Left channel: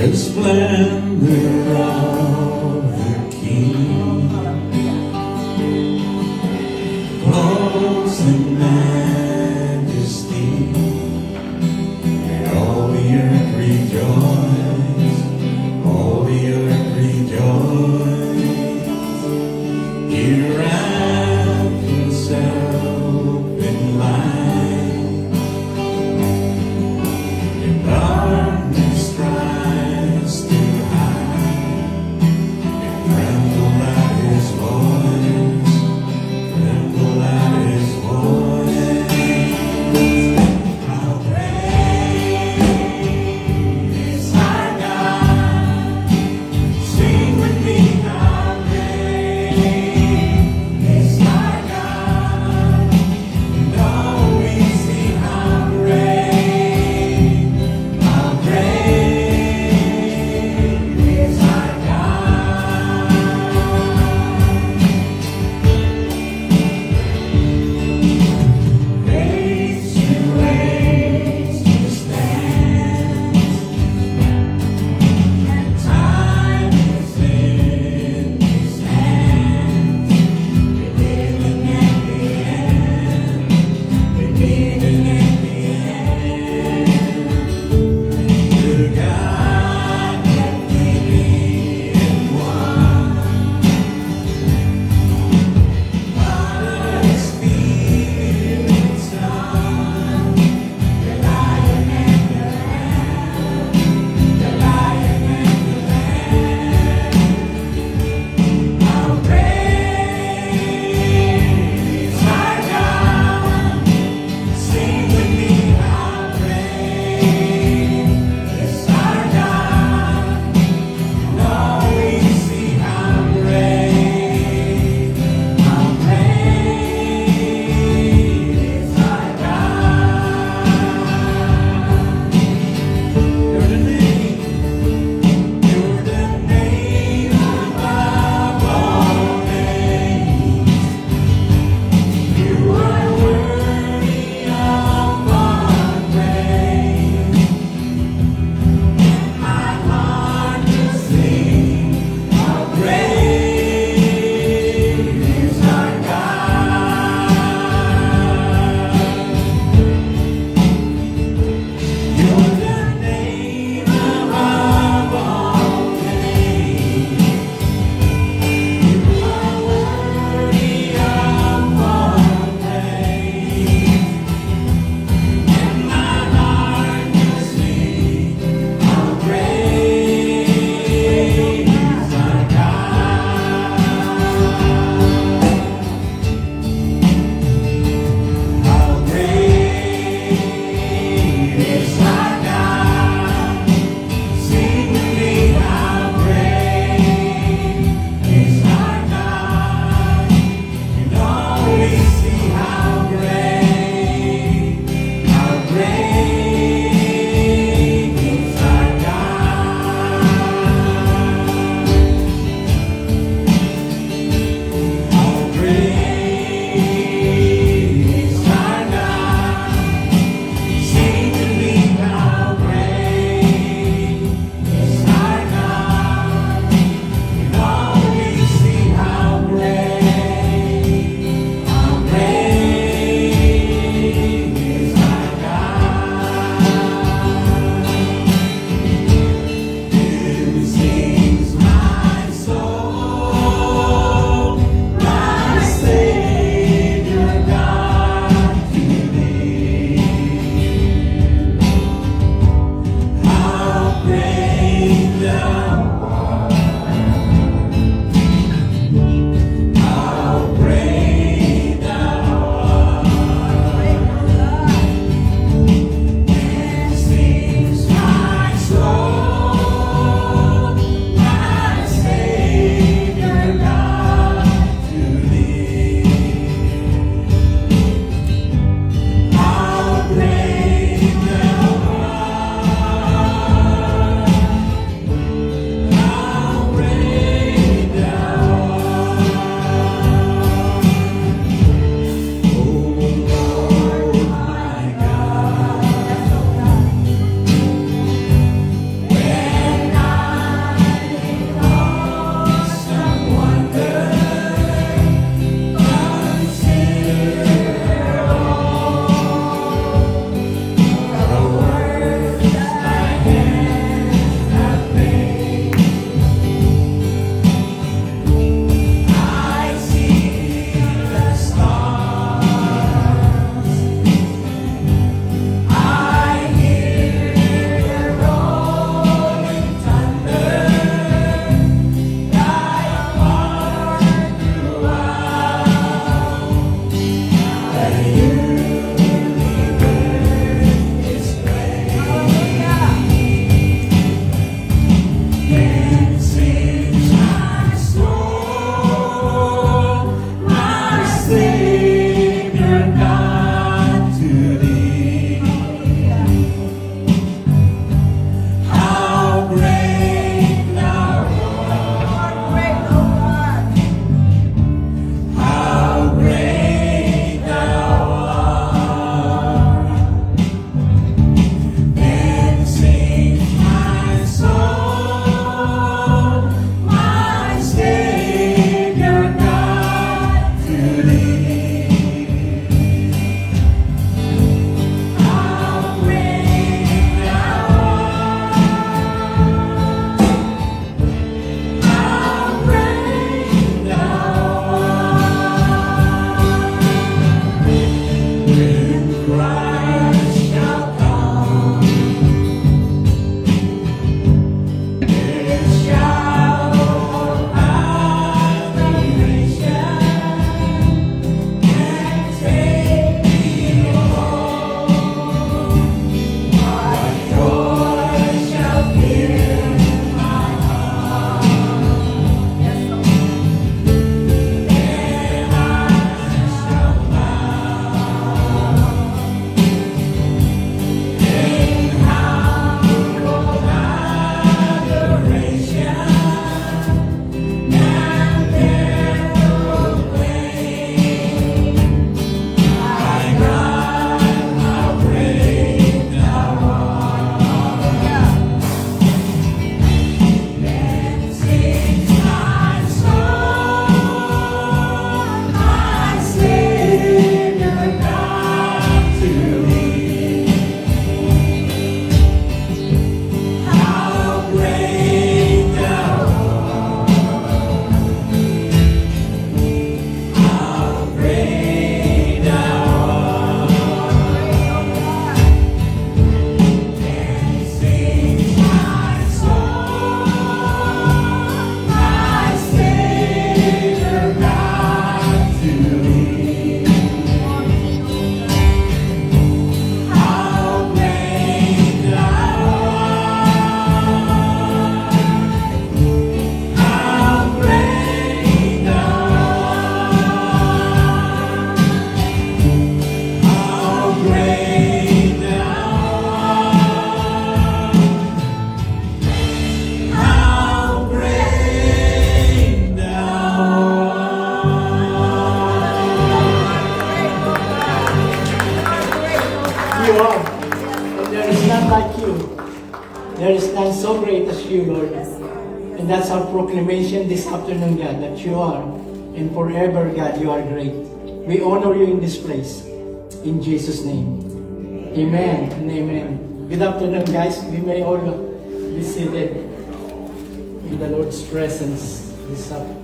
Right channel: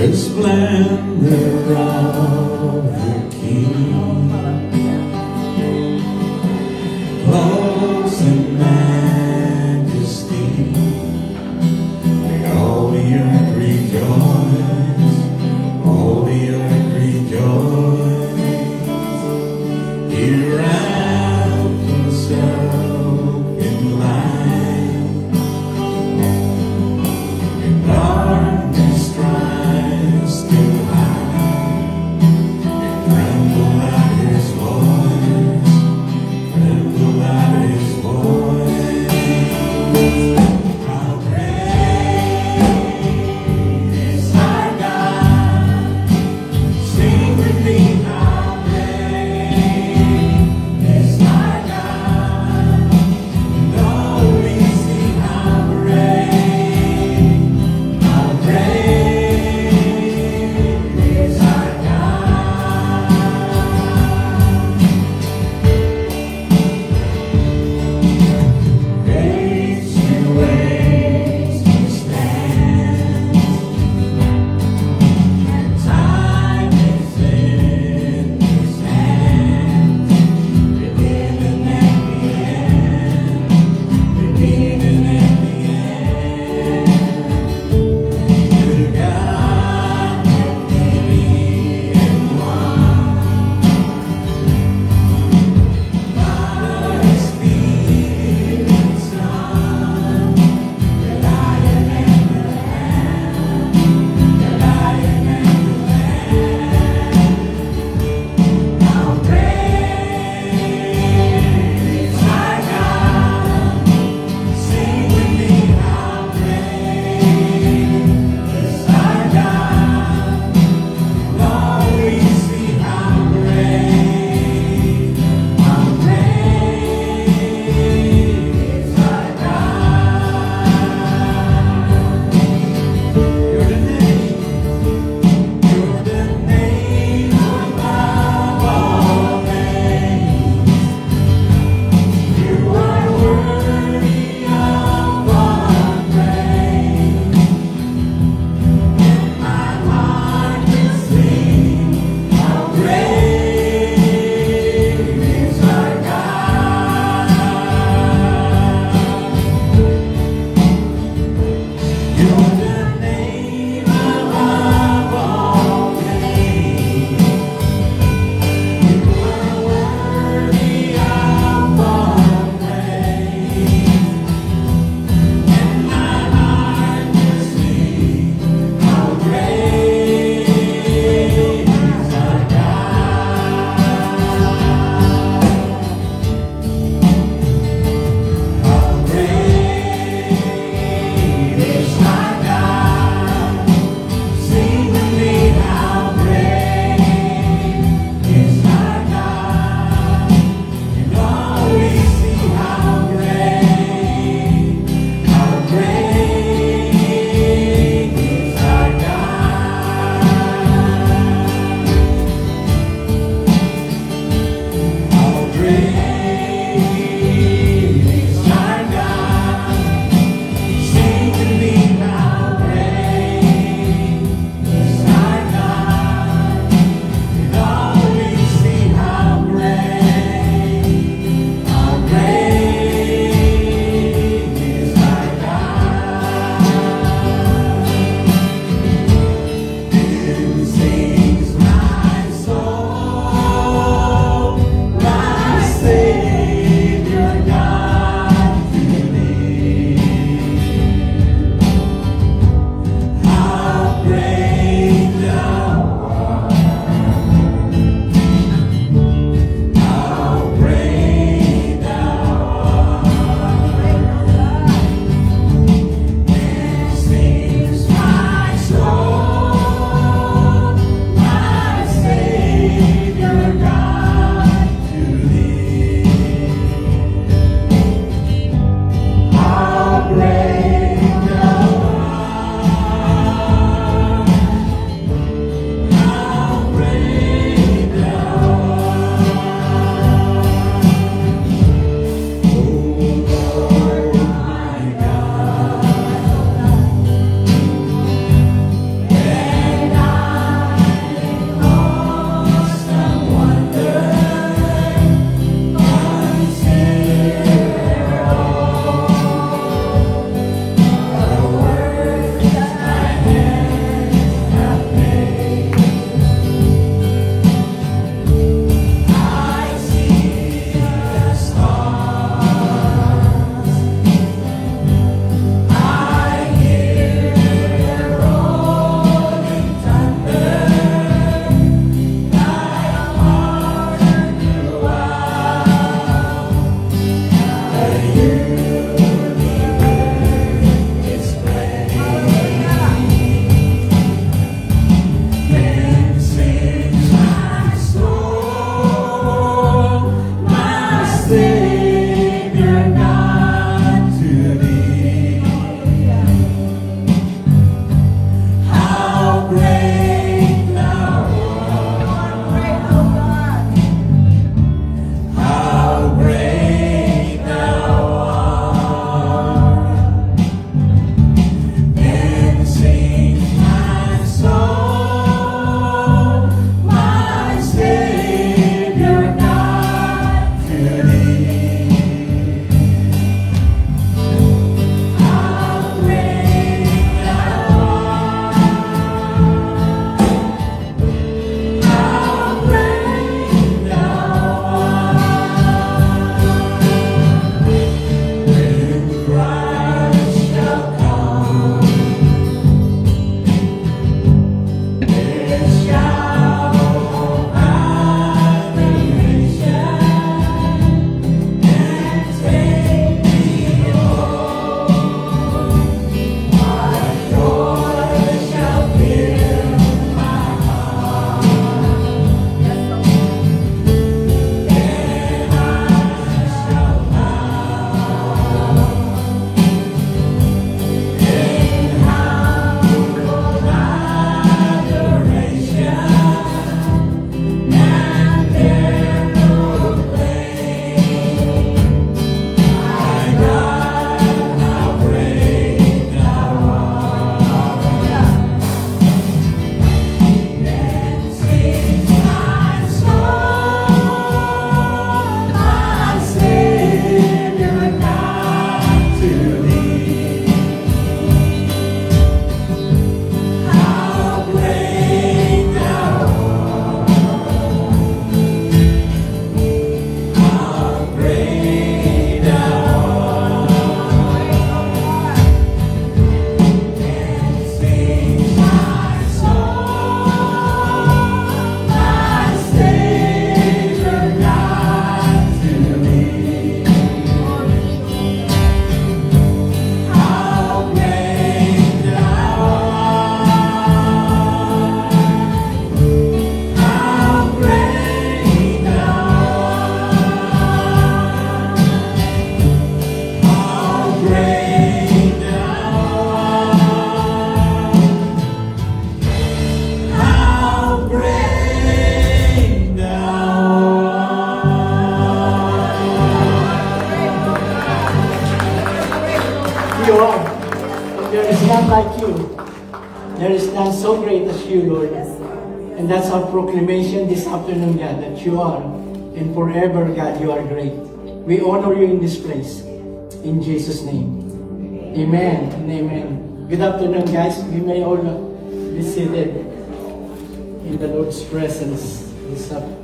the splendor of the King, clothes in majesty, and all the earth rejoice, all the earth rejoice. He wrapped himself in light, in darkness tries to hide, and tremble at You are. There is none like you. There is none so great as you, Lord. And that's our proclamation this afternoon, God, that you are. And forever, God, you are great. We honor you in this place. In Jesus' name. Amen and amen. Good afternoon, guys. We may all be seated in the Lord's presence this afternoon.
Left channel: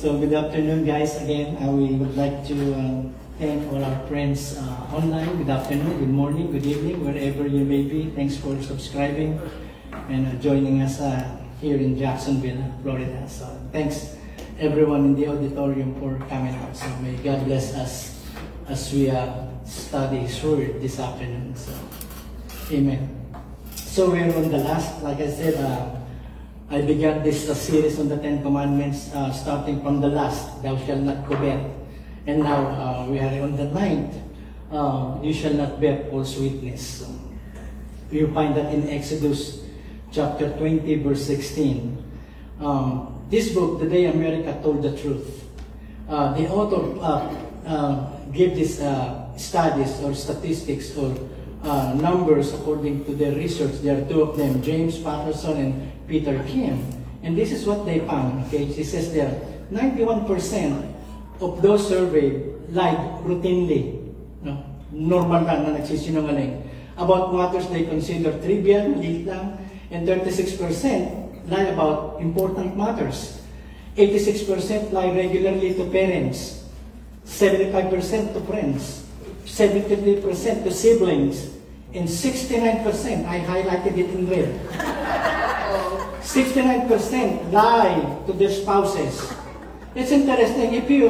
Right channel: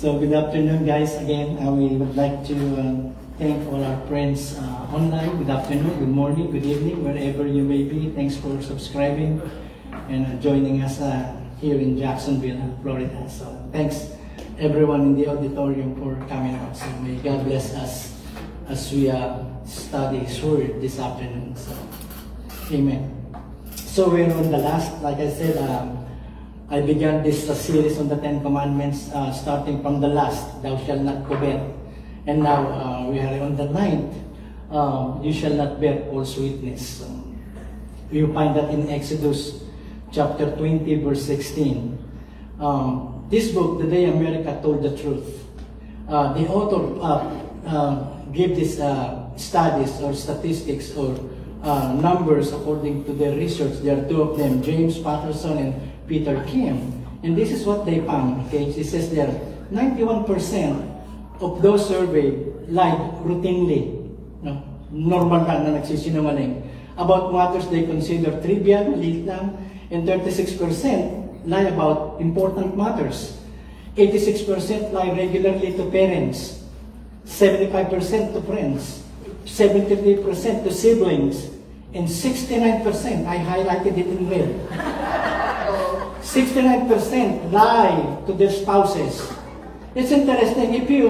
So good afternoon, guys. Again, we would like to thank all our friends online. Good afternoon, good morning, good evening, wherever you may be. Thanks for subscribing and joining us here in Jacksonville, Florida. So thanks everyone in the auditorium for coming out. So may God bless us as we study His Word this afternoon. So, amen. So we're on the last, like I said, I began this series on the Ten Commandments, starting from the last, thou shalt not covet. And now we are on the 9th, you shall not bear false witness. You find that in Exodus chapter 20, verse 16. This book, The Day America Told the Truth, the author gave these studies or statistics or numbers according to their research. There are two of them, James Patterson and Peter Kim. And this is what they found. Okay, it says there, 91% of those surveyed lied routinely. No? Normal lang na nagsisinungaling. About matters they consider trivial, maliit lang. And 36% lie about important matters. 86% lie regularly to parents. 75% to friends. 73% to siblings. And 69%, I highlighted it in red. 69% lie to their spouses. It's interesting. If you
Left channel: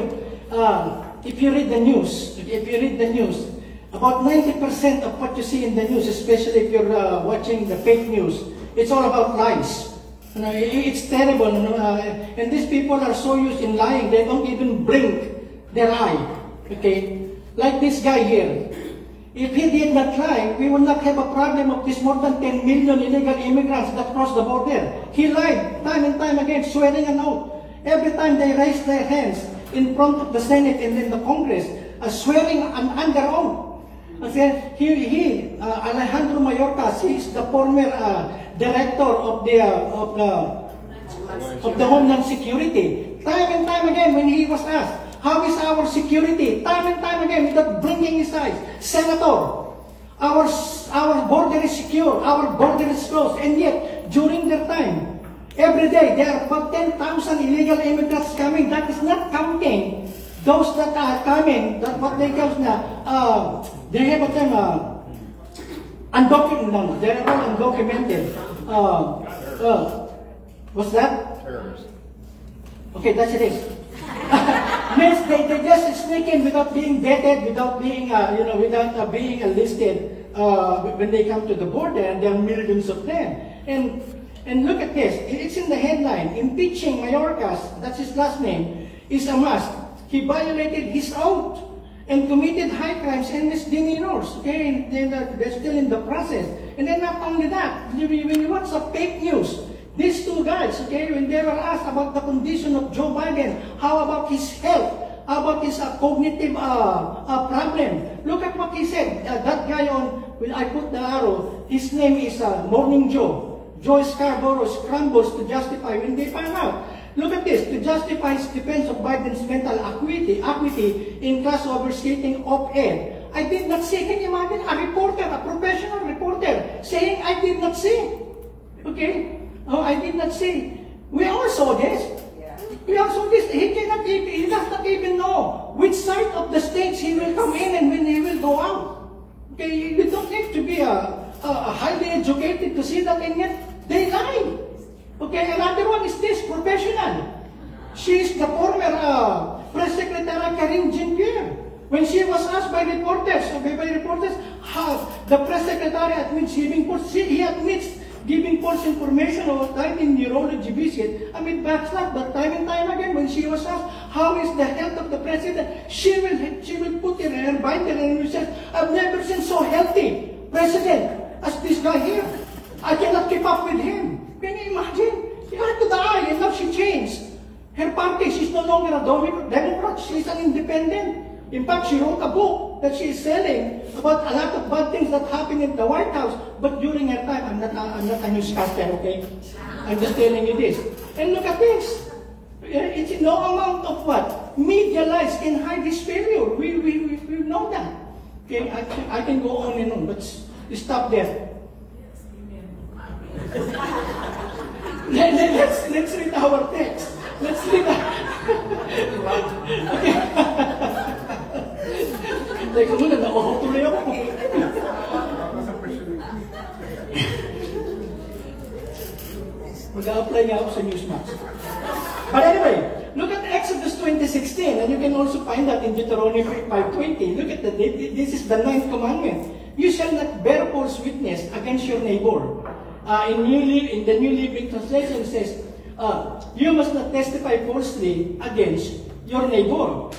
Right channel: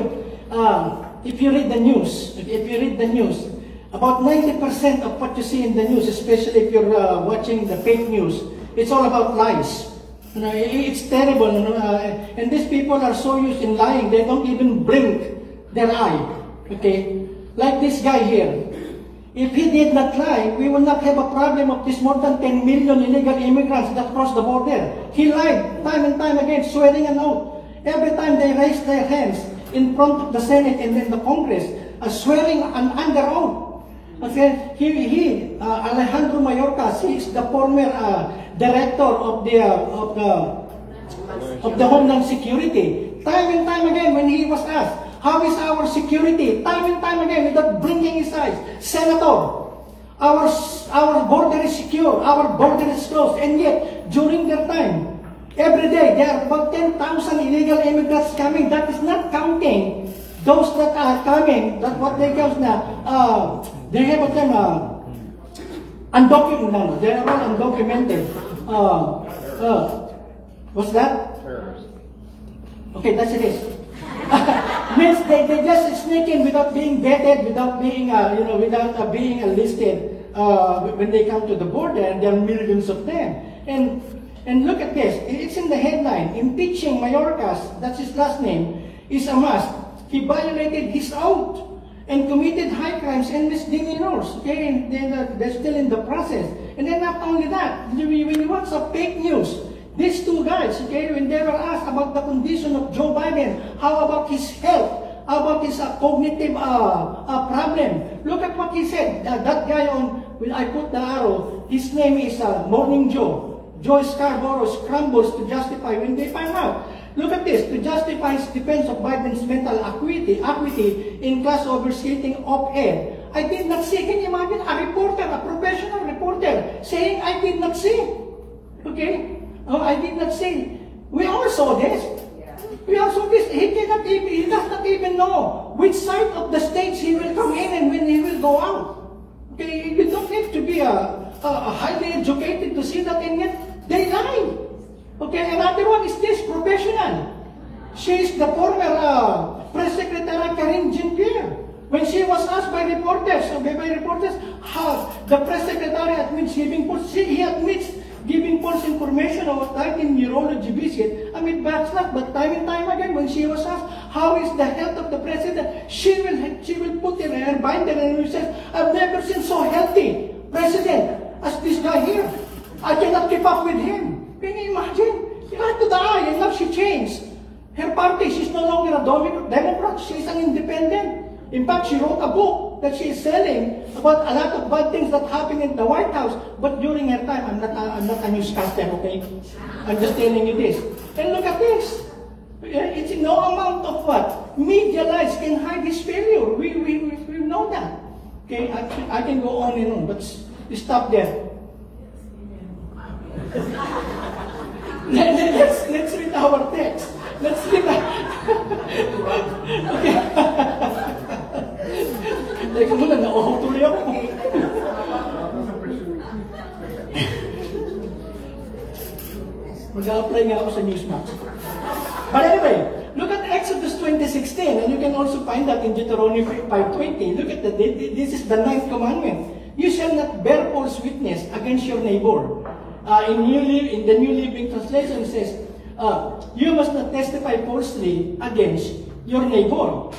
read the news, about 90% of what you see in the news, especially if you're watching the fake news, it's all about lies. You know, it's terrible. And these people are so used in lying, they don't even blink their eye. Okay, like this guy here. If he did not lie, we will not have a problem of this more than 10 million illegal immigrants that cross the border. He lied time and time again, swearing an oath. Every time they raised their hands in front of the Senate and then the Congress, swearing under oath. Okay, Alejandro Mayorkas, he is the former director of the Homeland Security. Time and time again, when he was asked, how is our security? Time and time again, without blinking his eyes. Senator, our border is secure, our border is closed, and yet, during their time, every day, there are about 10,000 illegal immigrants coming. That is not counting those that are coming, that what they call now, they have a term, undocumented, no, they are all undocumented. What's that? Terrorists. Okay, that's it is. Means they just sneak in without being vetted, without being, without being enlisted when they come to the border, and there are millions of them. And look at this, it's in the headline, impeaching Mayorkas, that's his last name, is a must. He violated his oath and committed high crimes and misdemeanors. Okay, they're still in the process. And then not only that, when you watch the fake news, these two guys, okay, when they were asked about the condition of Joe Biden, how about his health, how about his cognitive problem, look at what he said. That guy when I put the arrow, his name is Morning Joe. Joe Scarborough scrambles to justify when they find out. Look at this, to justify his defense of Biden's mental acuity in class overstating op-ed. I did not see. Can you imagine a reporter, a professional reporter, saying, I did not see. Okay? Oh, I did not see. We all saw this. We all saw this. He does not even know which side of the states he will come in and when he will go out. Okay? You don't have to be highly educated to see that, and yet they lie. Okay? Another one is this, professional. She is the former Press Secretary Karine Jean-Pierre. When she was asked by reporters, how the Press Secretary admits he admits false information about 19 neurology visit, I mean, backslap, but time and time again, when she was asked, how is the health of the president, she will put it in her binder and she says, I've never seen so healthy president as this guy here. I cannot keep up with him. Can you imagine? He had to die, and now she changed. Her party, she's no longer a Democrat, she's an independent. In fact, she wrote a book that she is selling about a lot of bad things that happened in the White House. But during her time, I'm not a newscaster, okay? I'm just telling you this. And look at this. It's no amount of what? Media lies can hide his failure. We know that. Okay, I can go on and on, but stop there. Let's read our text. Let's read okay. Teka muna, nauutuloy ako. Mag-a-apply nga ako sa Newsmax. But anyway, look at Exodus 20:16, and you can also find that in Deuteronomy 5:20. Look at this is the 9th commandment. You shall not bear false witness against your neighbor. In the New Living Translation says, you must not testify falsely against your neighbor.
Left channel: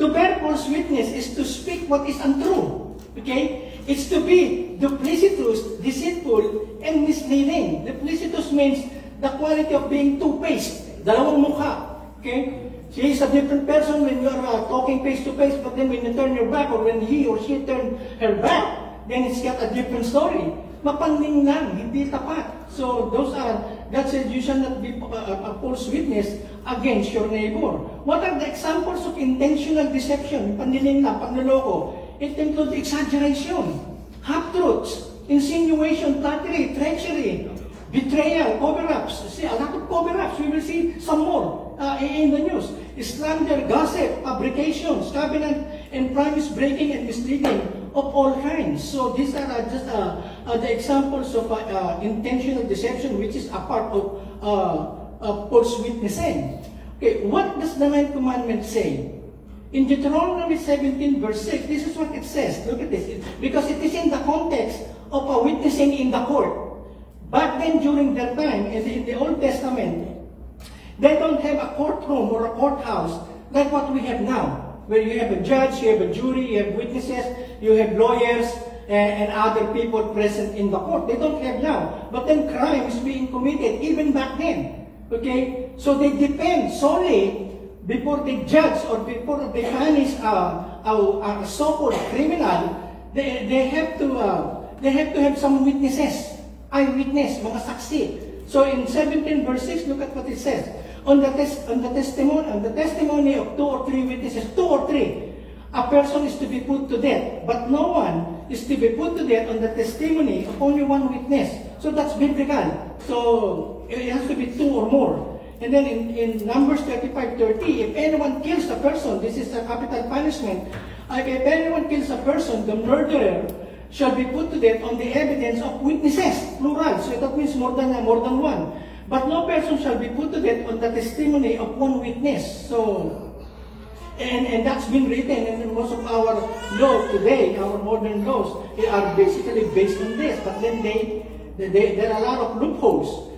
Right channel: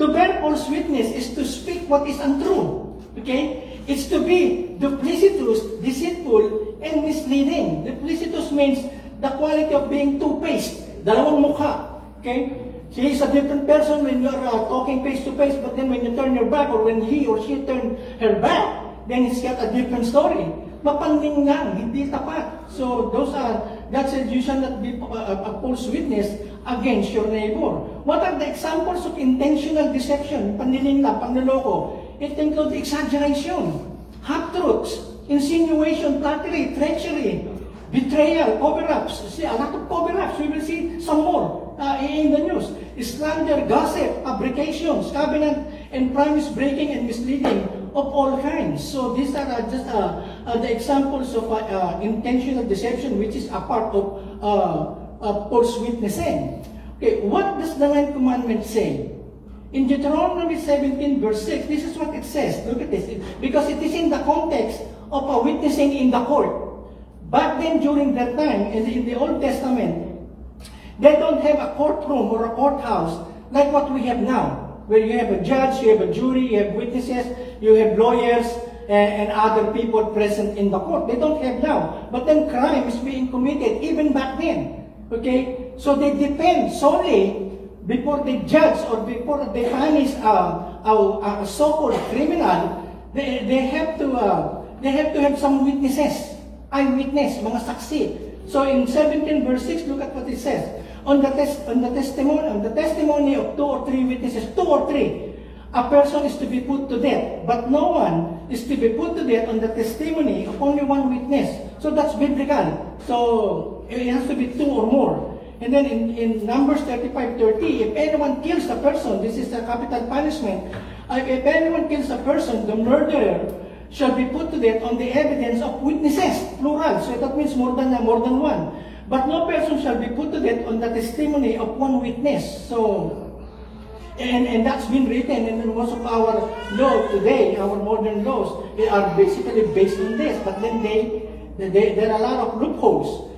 To bear false witness is to speak what is untrue. Okay? It's to be duplicitous, deceitful, and misleading. Duplicitous means the quality of being two-faced. Dalawang mukha. Okay? She is a different person when you are talking face-to-face, but then when you turn your back, or when he or she turn her back, then it's got a different story. Mapanling lang, hindi tapat. So God said you shall not be a false witness against your neighbor. What are the examples of intentional deception? Panliling lang, panloloko. It includes exaggeration, half-truths, insinuation, flattery, treachery, betrayal, cover-ups. See, a lot of cover-ups. We will see some more in the news. Slander, gossip, fabrications, covenant and promise breaking and misleading of all kinds. So these are just the examples of intentional deception, which is a part of false witnessing. Okay, what does the 9th commandment say? In Deuteronomy 17 verse 6, this is what it says. Look at this. Because it is in the context of a witnessing in the court. Back then, during that time, in the Old Testament, they don't have a courtroom or a courthouse like what we have now, where you have a judge, you have a jury, you have witnesses, you have lawyers, and other people present in the court. They don't have now. But then crime is being committed even back then. Okay? So they depend solely before they judge or before they punish a so-called criminal. They have to have some witnesses, eyewitness, mga saksi. So in 17 verse 6, look at what it says. On the testimony of 2 or 3 witnesses, 2 or 3, a person is to be put to death, but no one is to be put to death on the testimony of only 1 witness. So that's biblical. So it has to be 2 or more. And then in Numbers 35:30, if anyone kills a person, this is a capital punishment. If anyone kills a person, the murderer shall be put to death on the evidence of witnesses, plural. So that means more than 1. But no person shall be put to death on the testimony of 1 witness. So, and that's been written in most of our law today, our modern laws, they are basically based on this. But then there are a lot of loopholes.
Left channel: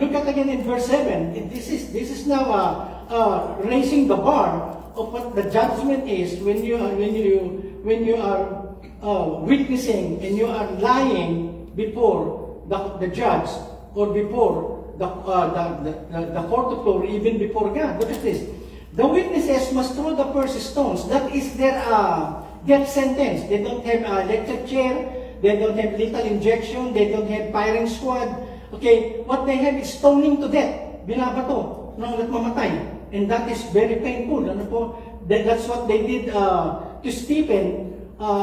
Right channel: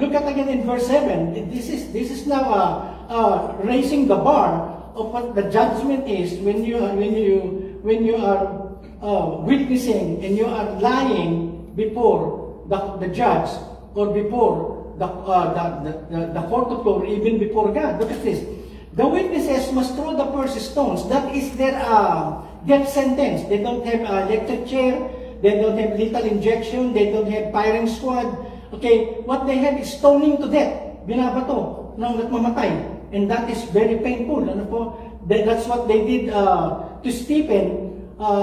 Look at again in verse 7. This is now raising the bar of what the judgment is when you are witnessing and you are lying before the judge or before the court of law, or even before God. Look at this. The witnesses must throw the first stones. That is their death sentence. They don't have electric chair. They don't have lethal injection. They don't have firing squad. Okay, what they have is stoning to death. Binabato ng nagmamatay. And that is very painful. Ano po? That's what they did to Stephen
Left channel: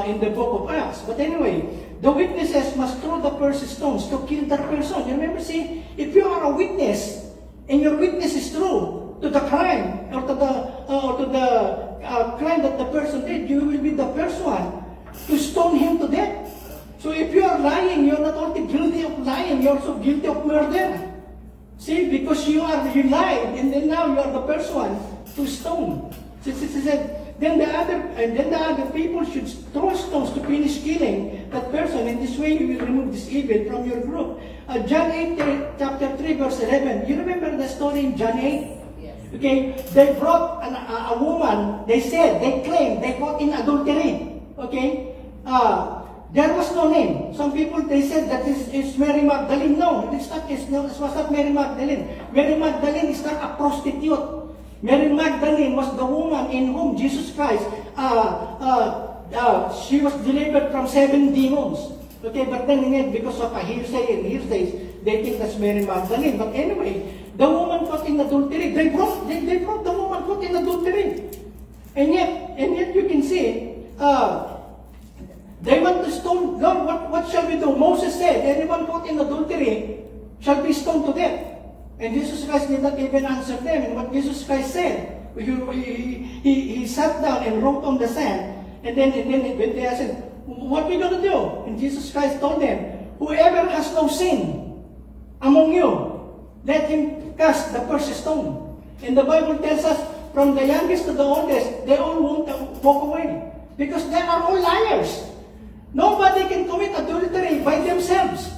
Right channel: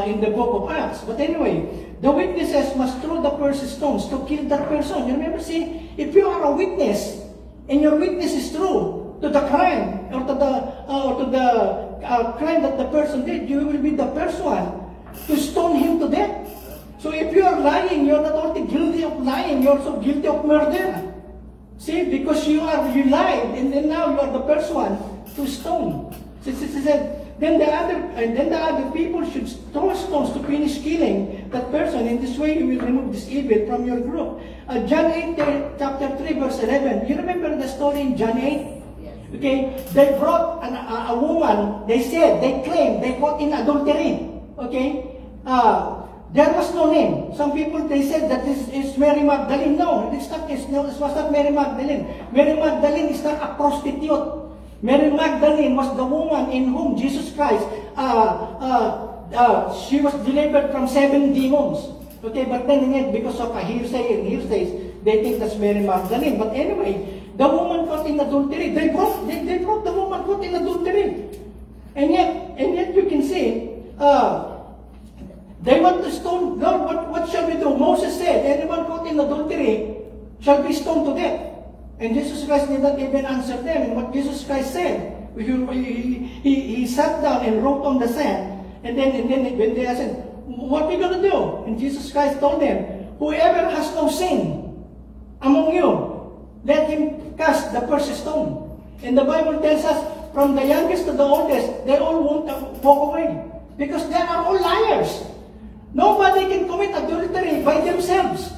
in the book of Acts. But anyway, the witnesses must throw the first stones to kill that person. Remember, see, if you are a witness, and your witness is true to the crime, or to the crime that the person did, you will be the first one to stone him to death. So if you are lying, you're not only guilty of lying, you're also guilty of murder. See, because you lied, and then now you are the first one to stone. She said, then the other people should throw stones to finish killing that person. In this way, you will remove this evil from your group. John 8, chapter 3, verse 11. You remember the story in John 8? Yes. Okay, they brought a woman, they claimed, they caught in adultery. Okay, there was no name. Some people, they said that this is Mary Magdalene. No, this was not Mary Magdalene. Mary Magdalene is not a prostitute. Mary Magdalene was the woman in whom Jesus Christ, she was delivered from 7 demons. Okay, but then because of a hearsays, they think that's Mary Magdalene. But anyway, the woman caught in adultery, they brought the woman caught in adultery. And yet you can see, they want to stone. Lord, what shall we do? Moses said, anyone caught in adultery shall be stoned to death. And Jesus Christ did not even answer them. And what Jesus Christ said, he sat down and wrote on the sand. And then when they said, what are we going to do? And Jesus Christ told them, whoever has no sin among you, let him cast the first stone. And the Bible tells us, from the youngest to the oldest, they all want to walk away. Because they are all liars. Nobody can commit adultery by themselves.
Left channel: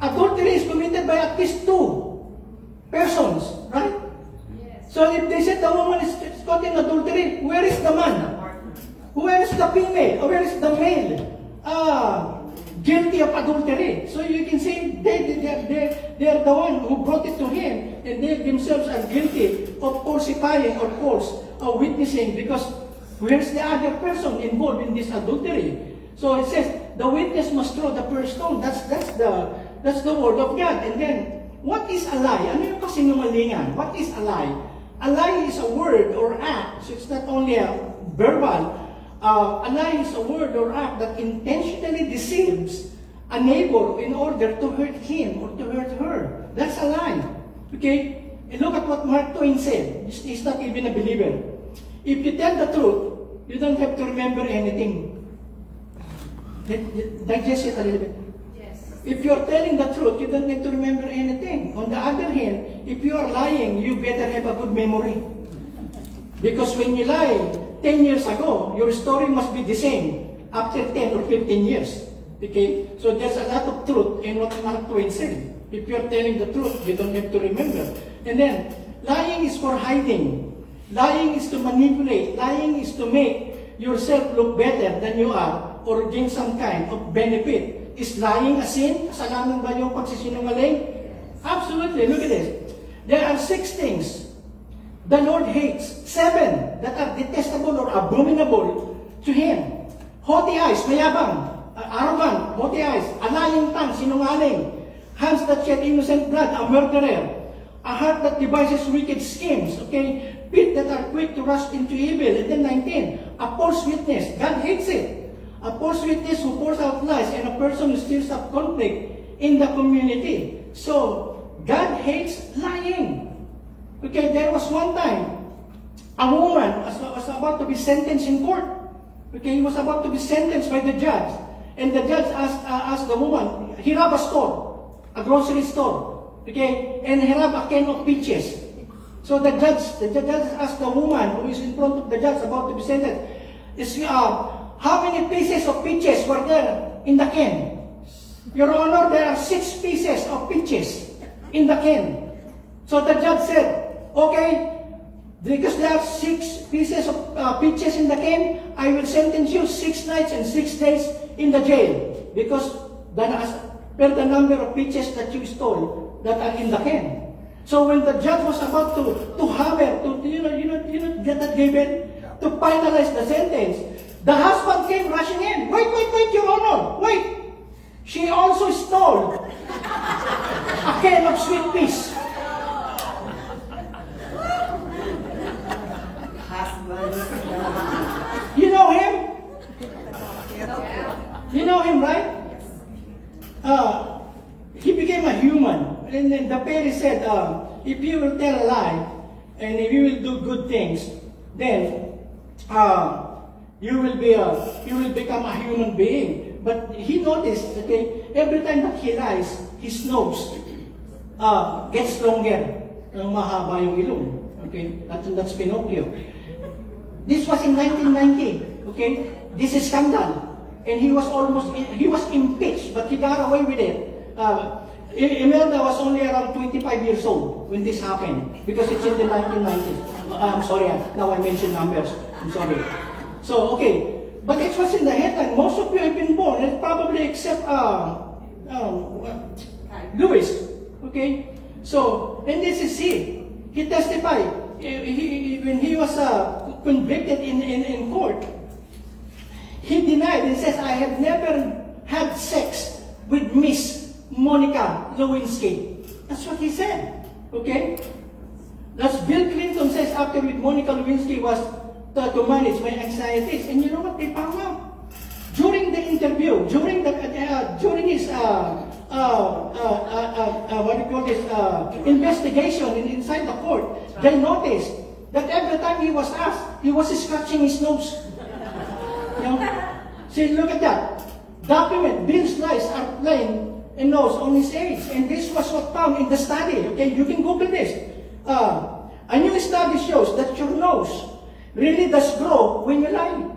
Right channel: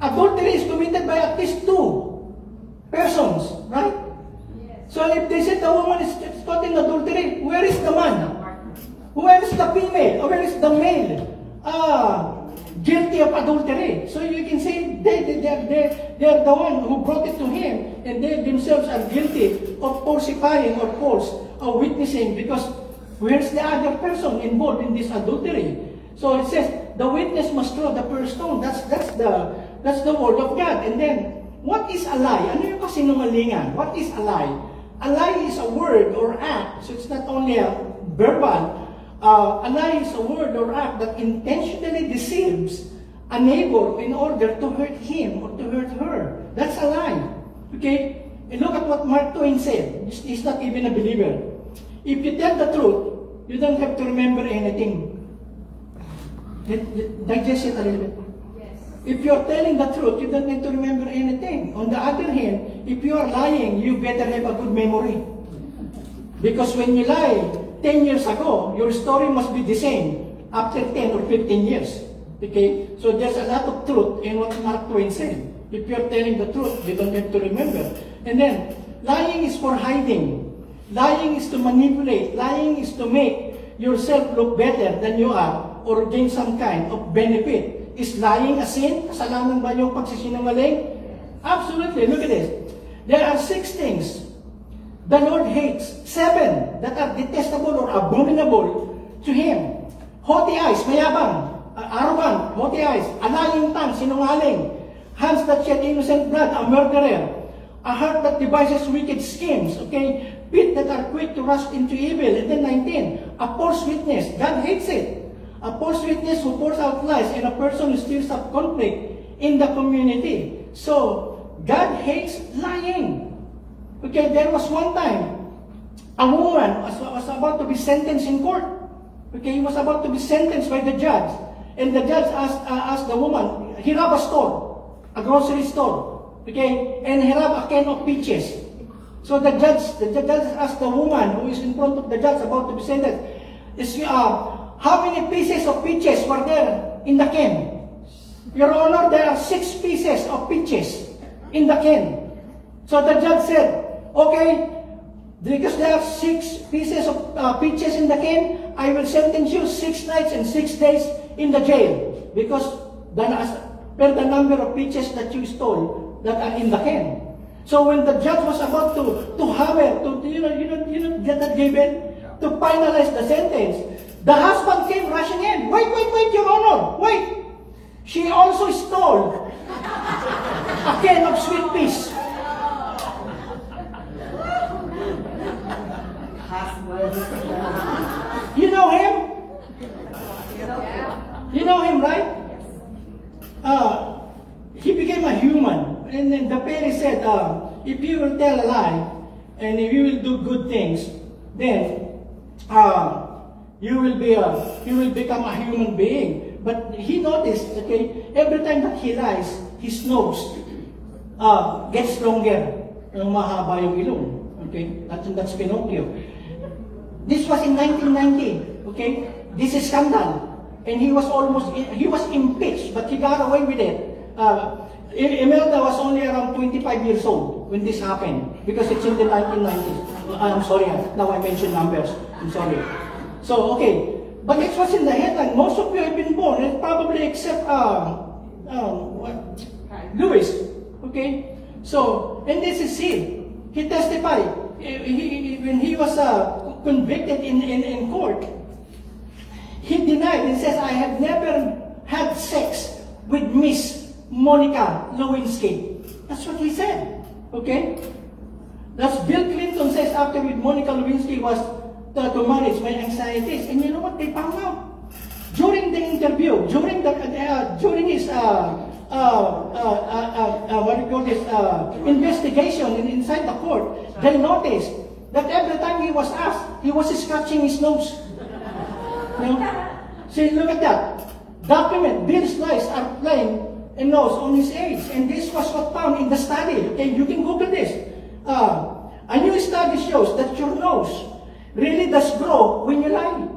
Adultery is committed by at least 2 persons, right? Yes. So if they said the woman is caught in adultery, where is the man? Where is the female? Or where is the male? Guilty of adultery. So you can say they are the one who brought it to him, and they themselves are guilty of falsifying or false or witnessing, because where's the other person involved in this adultery? So it says the witness must throw the first stone. That's the word of God. And then what is a lie? Ano yung kasinungalingan? What is a lie? A lie is a word or act. So it's not only a verbal. A lie is a word or act that intentionally deceives a neighbor in order to hurt him or to hurt her. That's a lie. Okay? And look at what Mark Twain said. He's not even a believer. If you tell the truth, you don't have to remember anything. Digest it a little bit. Yes. If you're telling the truth, you don't need to remember anything. On the other hand, if you are lying, you better have a good memory. Because when you lie 10 years ago, your story must be the same after 10 or 15 years. Okay? So there's a lot of truth in what Mark Twain said. If you're telling the truth, you don't have to remember. And then, lying is for hiding. Lying is to manipulate. Lying is to make yourself look better than you are or gain some kind of benefit. Is lying a sin? Kasalanan ba yung pagsisinungaling? Absolutely. Look at this. There are 6 things the Lord hates. 7 that are detestable or abominable to Him. Haughty eyes, mayabang. Arrogant, haughty eyes. A lying tongue, sinungaling. Hands that shed innocent blood, a murderer. A heart that devises wicked schemes. Okay? Feet that are quick to rush into evil. And then 19, a false witness. God hates it. A false witness who pours out lies, and a person who stirs up conflict in the community. So, God hates lying. Okay, there was one time, a woman was about to be sentenced in court. Okay, he was about to be sentenced by the judge. And the judge asked the woman, he robbed a store, a grocery store. Okay, and he robbed a can of peaches. So the judge asked the woman who is in front of the judge about to be sentenced, how many pieces of peaches were there in the can? Your Honor, there are 6 pieces of peaches in the can. So the judge said, okay, because there are 6 pieces of peaches in the can, I will sentence you 6 nights and 6 days in the jail. Because per the number of peaches that you stole that are in the can. So when the judge was about to hammer, get that given, to finalize the sentence, the husband came rushing in. Wait, Your Honor, wait. She also stole a can of sweet peas. You know him? You know him, right? He became a human. And then the parents said, if you will tell a lie, and if you will do good things, then you will become a human being. But he noticed, okay, every time that he lies, his nose gets longer. Mahaba yung ilong. Okay, that's Pinocchio. This was in 1990. Okay, this is scandal, and he was impeached, but he got away with it. Imelda was only around 25 years old when this happened, because it's in the 1990s. I'm sorry, now I mentioned numbers. I'm sorry. So, okay. But it was in the headline. Most of you have been born, and probably except Lewis. Okay? So, and this is he. He testified. When he was convicted in court, he denied and says, I have never had sex with Miss Monica Lewinsky. That's what he said. Okay? That's Bill Clinton says after with Monica Lewinsky was to manage my anxieties. And you know what they found out? During the interview, during his what do you call this, investigation inside the court, they noticed that every time he was asked, he was scratching his nose. You know? See, look at that. Document, Bill's lies are plain and nose on his age. And this was what found in the study. Okay, you can Google this. A new study shows that your nose really does grow when you lie.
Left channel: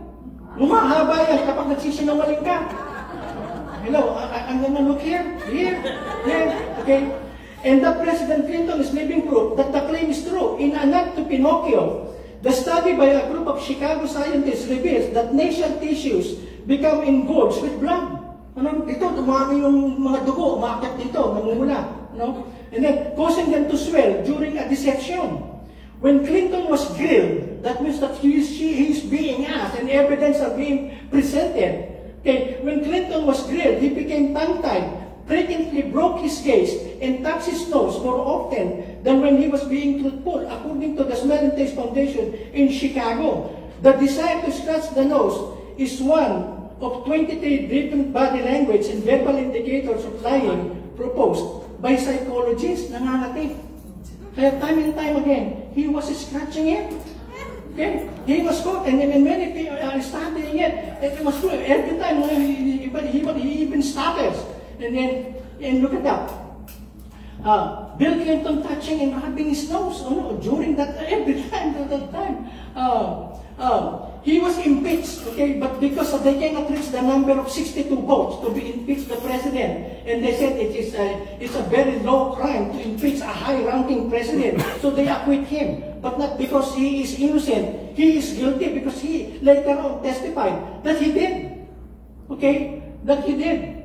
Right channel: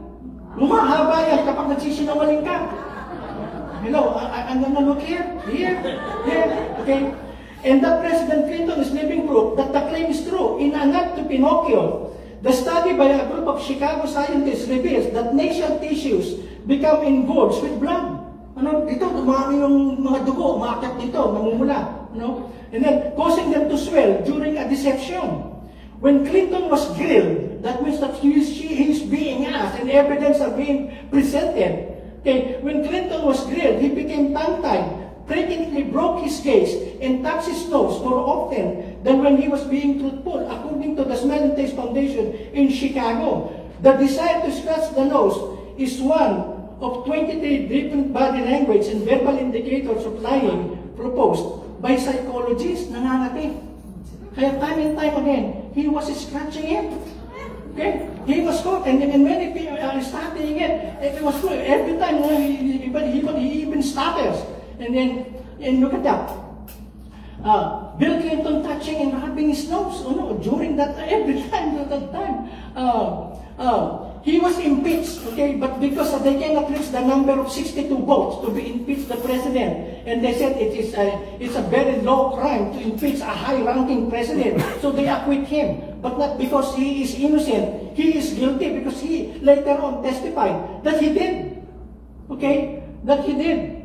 Lumahaba yan kapag nagsisinungaling ka. Hello, I'm gonna look here, okay? And that President Clinton is living proof that the claim is true. In A Nod to Pinocchio, the study by a group of Chicago scientists reveals that nasal tissues become engorged with blood. Ano, dito, dumami yung mga dugo, umakyat dito, namumula. No? And then, causing them to swell during a dissection. When Clinton was grilled, that means that he is being asked and evidence are being presented. Okay, when Clinton was grilled, he became tongue-tied, frequently broke his gaze, and touched his nose more often than when he was being truthful, according to the Smell and Taste Foundation in Chicago. The desire to scratch the nose is one of 23 different body language and verbal indicators of lying proposed by psychologists. Nangangating. Kaya time and time again, he was scratching it. Okay? He was caught, and many people are studying it. It was true. Every time he even stutters. And look at that. Bill Clinton touching and rubbing his nose. During that, every time, at that time. He was impeached, okay, but because they cannot reach the number of 62 votes to be impeached the president, and they said it's a very low crime to impeach a high-ranking president, so they acquit him, but not because he is innocent. He is guilty because he later on testified that he did, okay, that he did.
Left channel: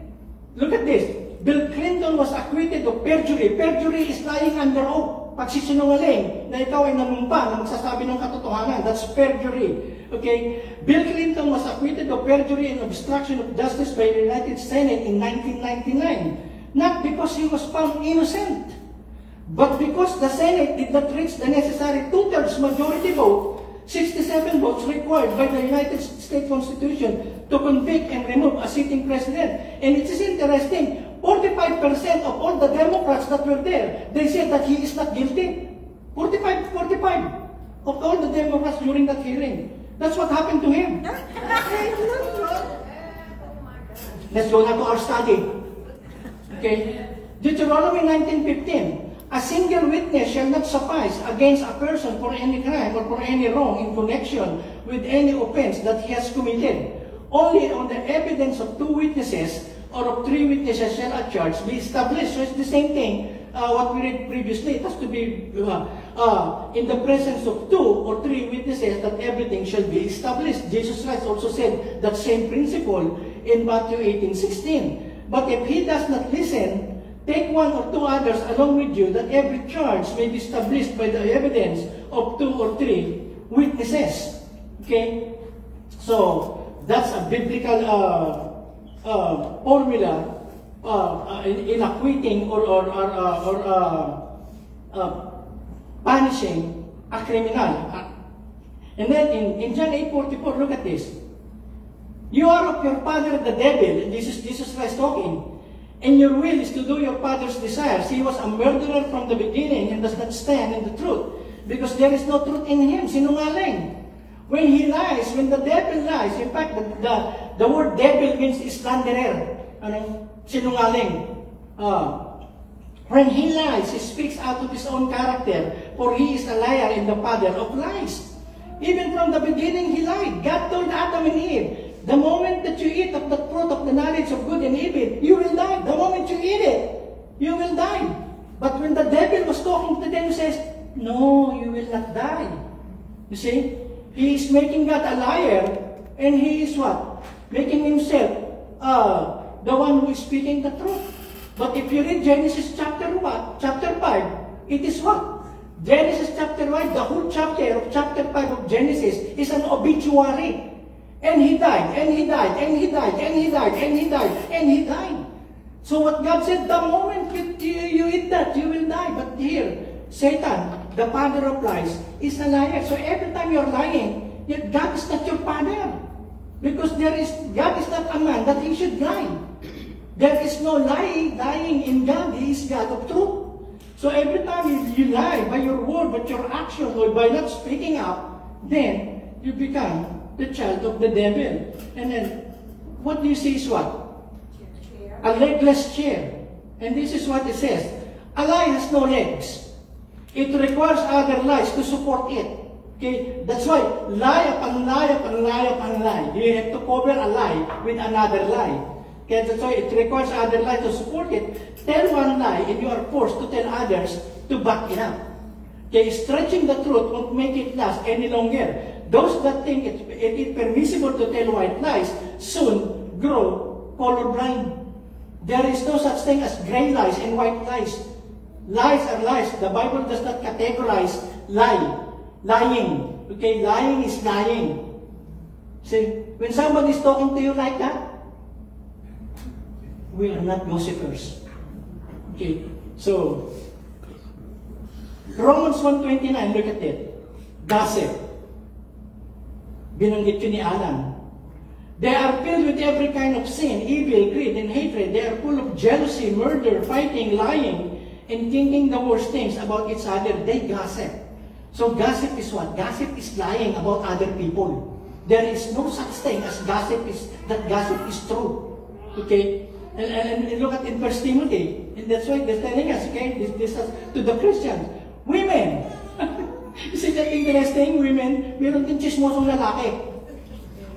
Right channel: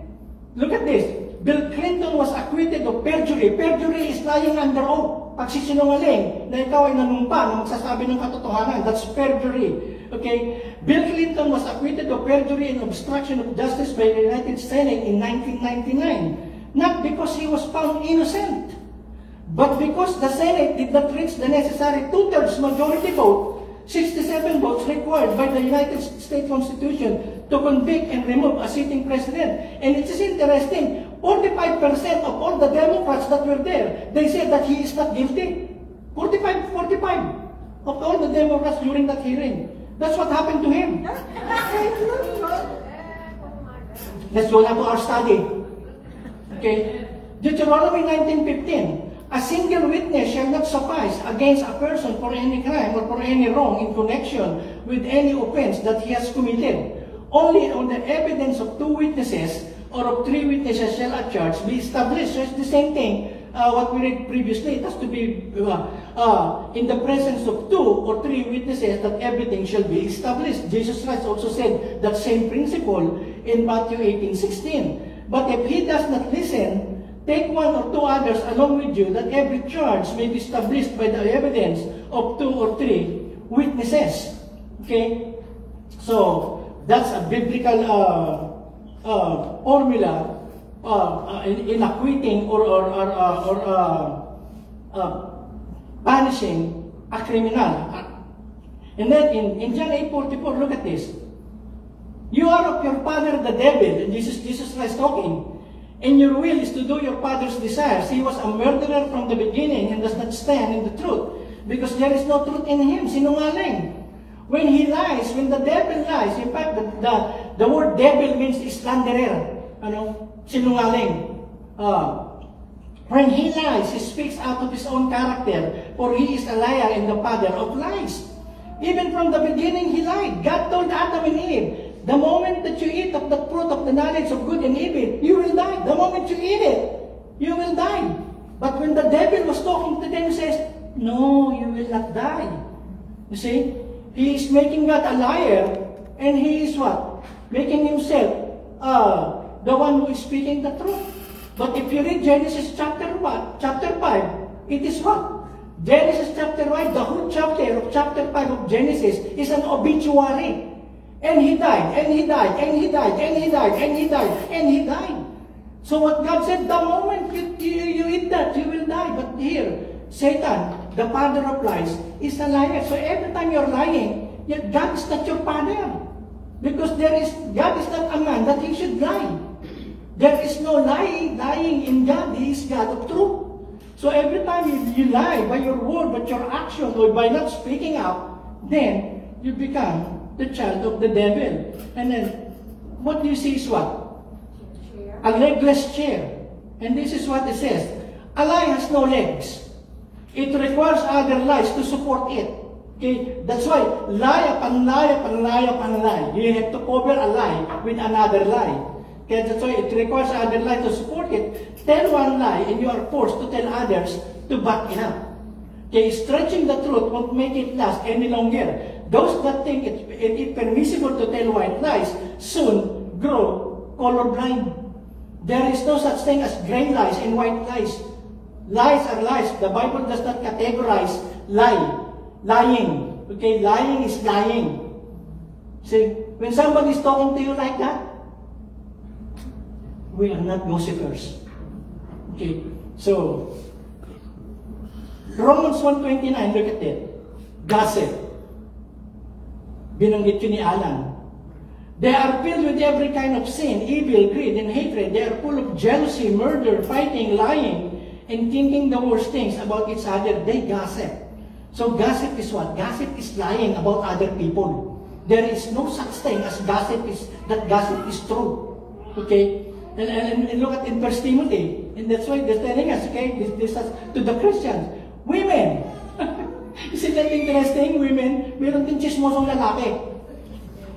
Look at this. Bill Clinton was acquitted of perjury. Perjury is lying under oath. Pagsisinungaling na ikaw ay nanumpa na magsasabi ng katotohanan. That's perjury. Okay? Bill Clinton was acquitted of perjury and obstruction of justice by the United Senate in 1999. Not because he was found innocent, but because the Senate did not reach the necessary two-thirds majority vote, 67 votes required by the United States Constitution to convict and remove a sitting president. And it is interesting, 45% of all the Democrats that were there, they said that he is not guilty. 45 of all the Democrats during that hearing. That's what happened to him. Let's go now to our study. Okay? Deuteronomy 19:15. A single witness shall not suffice against a person for any crime or for any wrong in connection with any offense that he has committed. Only on the evidence of two witnesses or of three witnesses shall a charge be established. So it's the same thing what we read previously. It has to be in the presence of two or three witnesses that everything shall be established. Jesus Christ also said that same principle in Matthew 18:16. But if he does not listen, take one or two others along with you, that every charge may be established by the evidence of two or three witnesses. Okay? So, that's a biblical formula in acquitting or punishing a criminal. And then in John 8:44, look at this. You are of your father the devil, and Jesus Christ talking. And your will is to do your father's desires. He was a murderer from the beginning and does not stand in the truth, because there is no truth in him. Sinungaling. When he lies, when the devil lies, in fact, the word devil means slanderer. Sinungaling. When he lies, he speaks out of his own character, for he is a liar and the father of lies. Even from the beginning, he lied. God told Adam and Eve the moment that you eat of the fruit of the knowledge of good and evil, you will die. The moment you eat it, you will die. But when the devil was talking to them, he says, no, you will not die. You see, he is making God a liar, and he is what? Making himself the one who is speaking the truth. But if you read Genesis chapter 5, it is what? Genesis chapter 5, the whole chapter of chapter 5 of Genesis is an obituary. And he died, and he died, and he died, and he died, and he died, and he died. So what God said, the moment you eat that, you will die. But here, Satan, the father of lies, is a liar. So every time you're lying, yet God is not your father. Because God is not a man that he should lie. There is no lying in God. He is God of truth. So every time you lie by your word, but your action, or by not speaking up, then you become the child of the devil. And then, what do you see is what? A legless chair. And this is what it says. A lie has no legs. It requires other lies to support it. Okay? That's why, lie upon lie upon lie upon lie. You have to cover a lie with another lie. Okay? That's why it requires other lies to support it. Tell one lie and you are forced to tell others to back it up. Okay? Stretching the truth won't make it last any longer. Those that think it's permissible to tell white lies soon grow colorblind. There is no such thing as gray lies and white lies. Lies are lies. The Bible does not categorize lying. Okay, lying is lying. See, when somebody is talking to you like that, we are not gossipers. Okay, so Romans 1:29, look at it. Gossip. Binanggit yun ni Alan. They are filled with every kind of sin, evil, greed, and hatred. They are full of jealousy, murder, fighting, lying, and thinking the worst things about each other. They gossip. So gossip is what? Gossip is lying about other people. There is no such thing as gossip is true. Okay? And look at in 1 Timothy. And that's why they're telling us, okay, this is to the Christians. Women! Isn't that interesting? Women, meron din chismosong lalaki.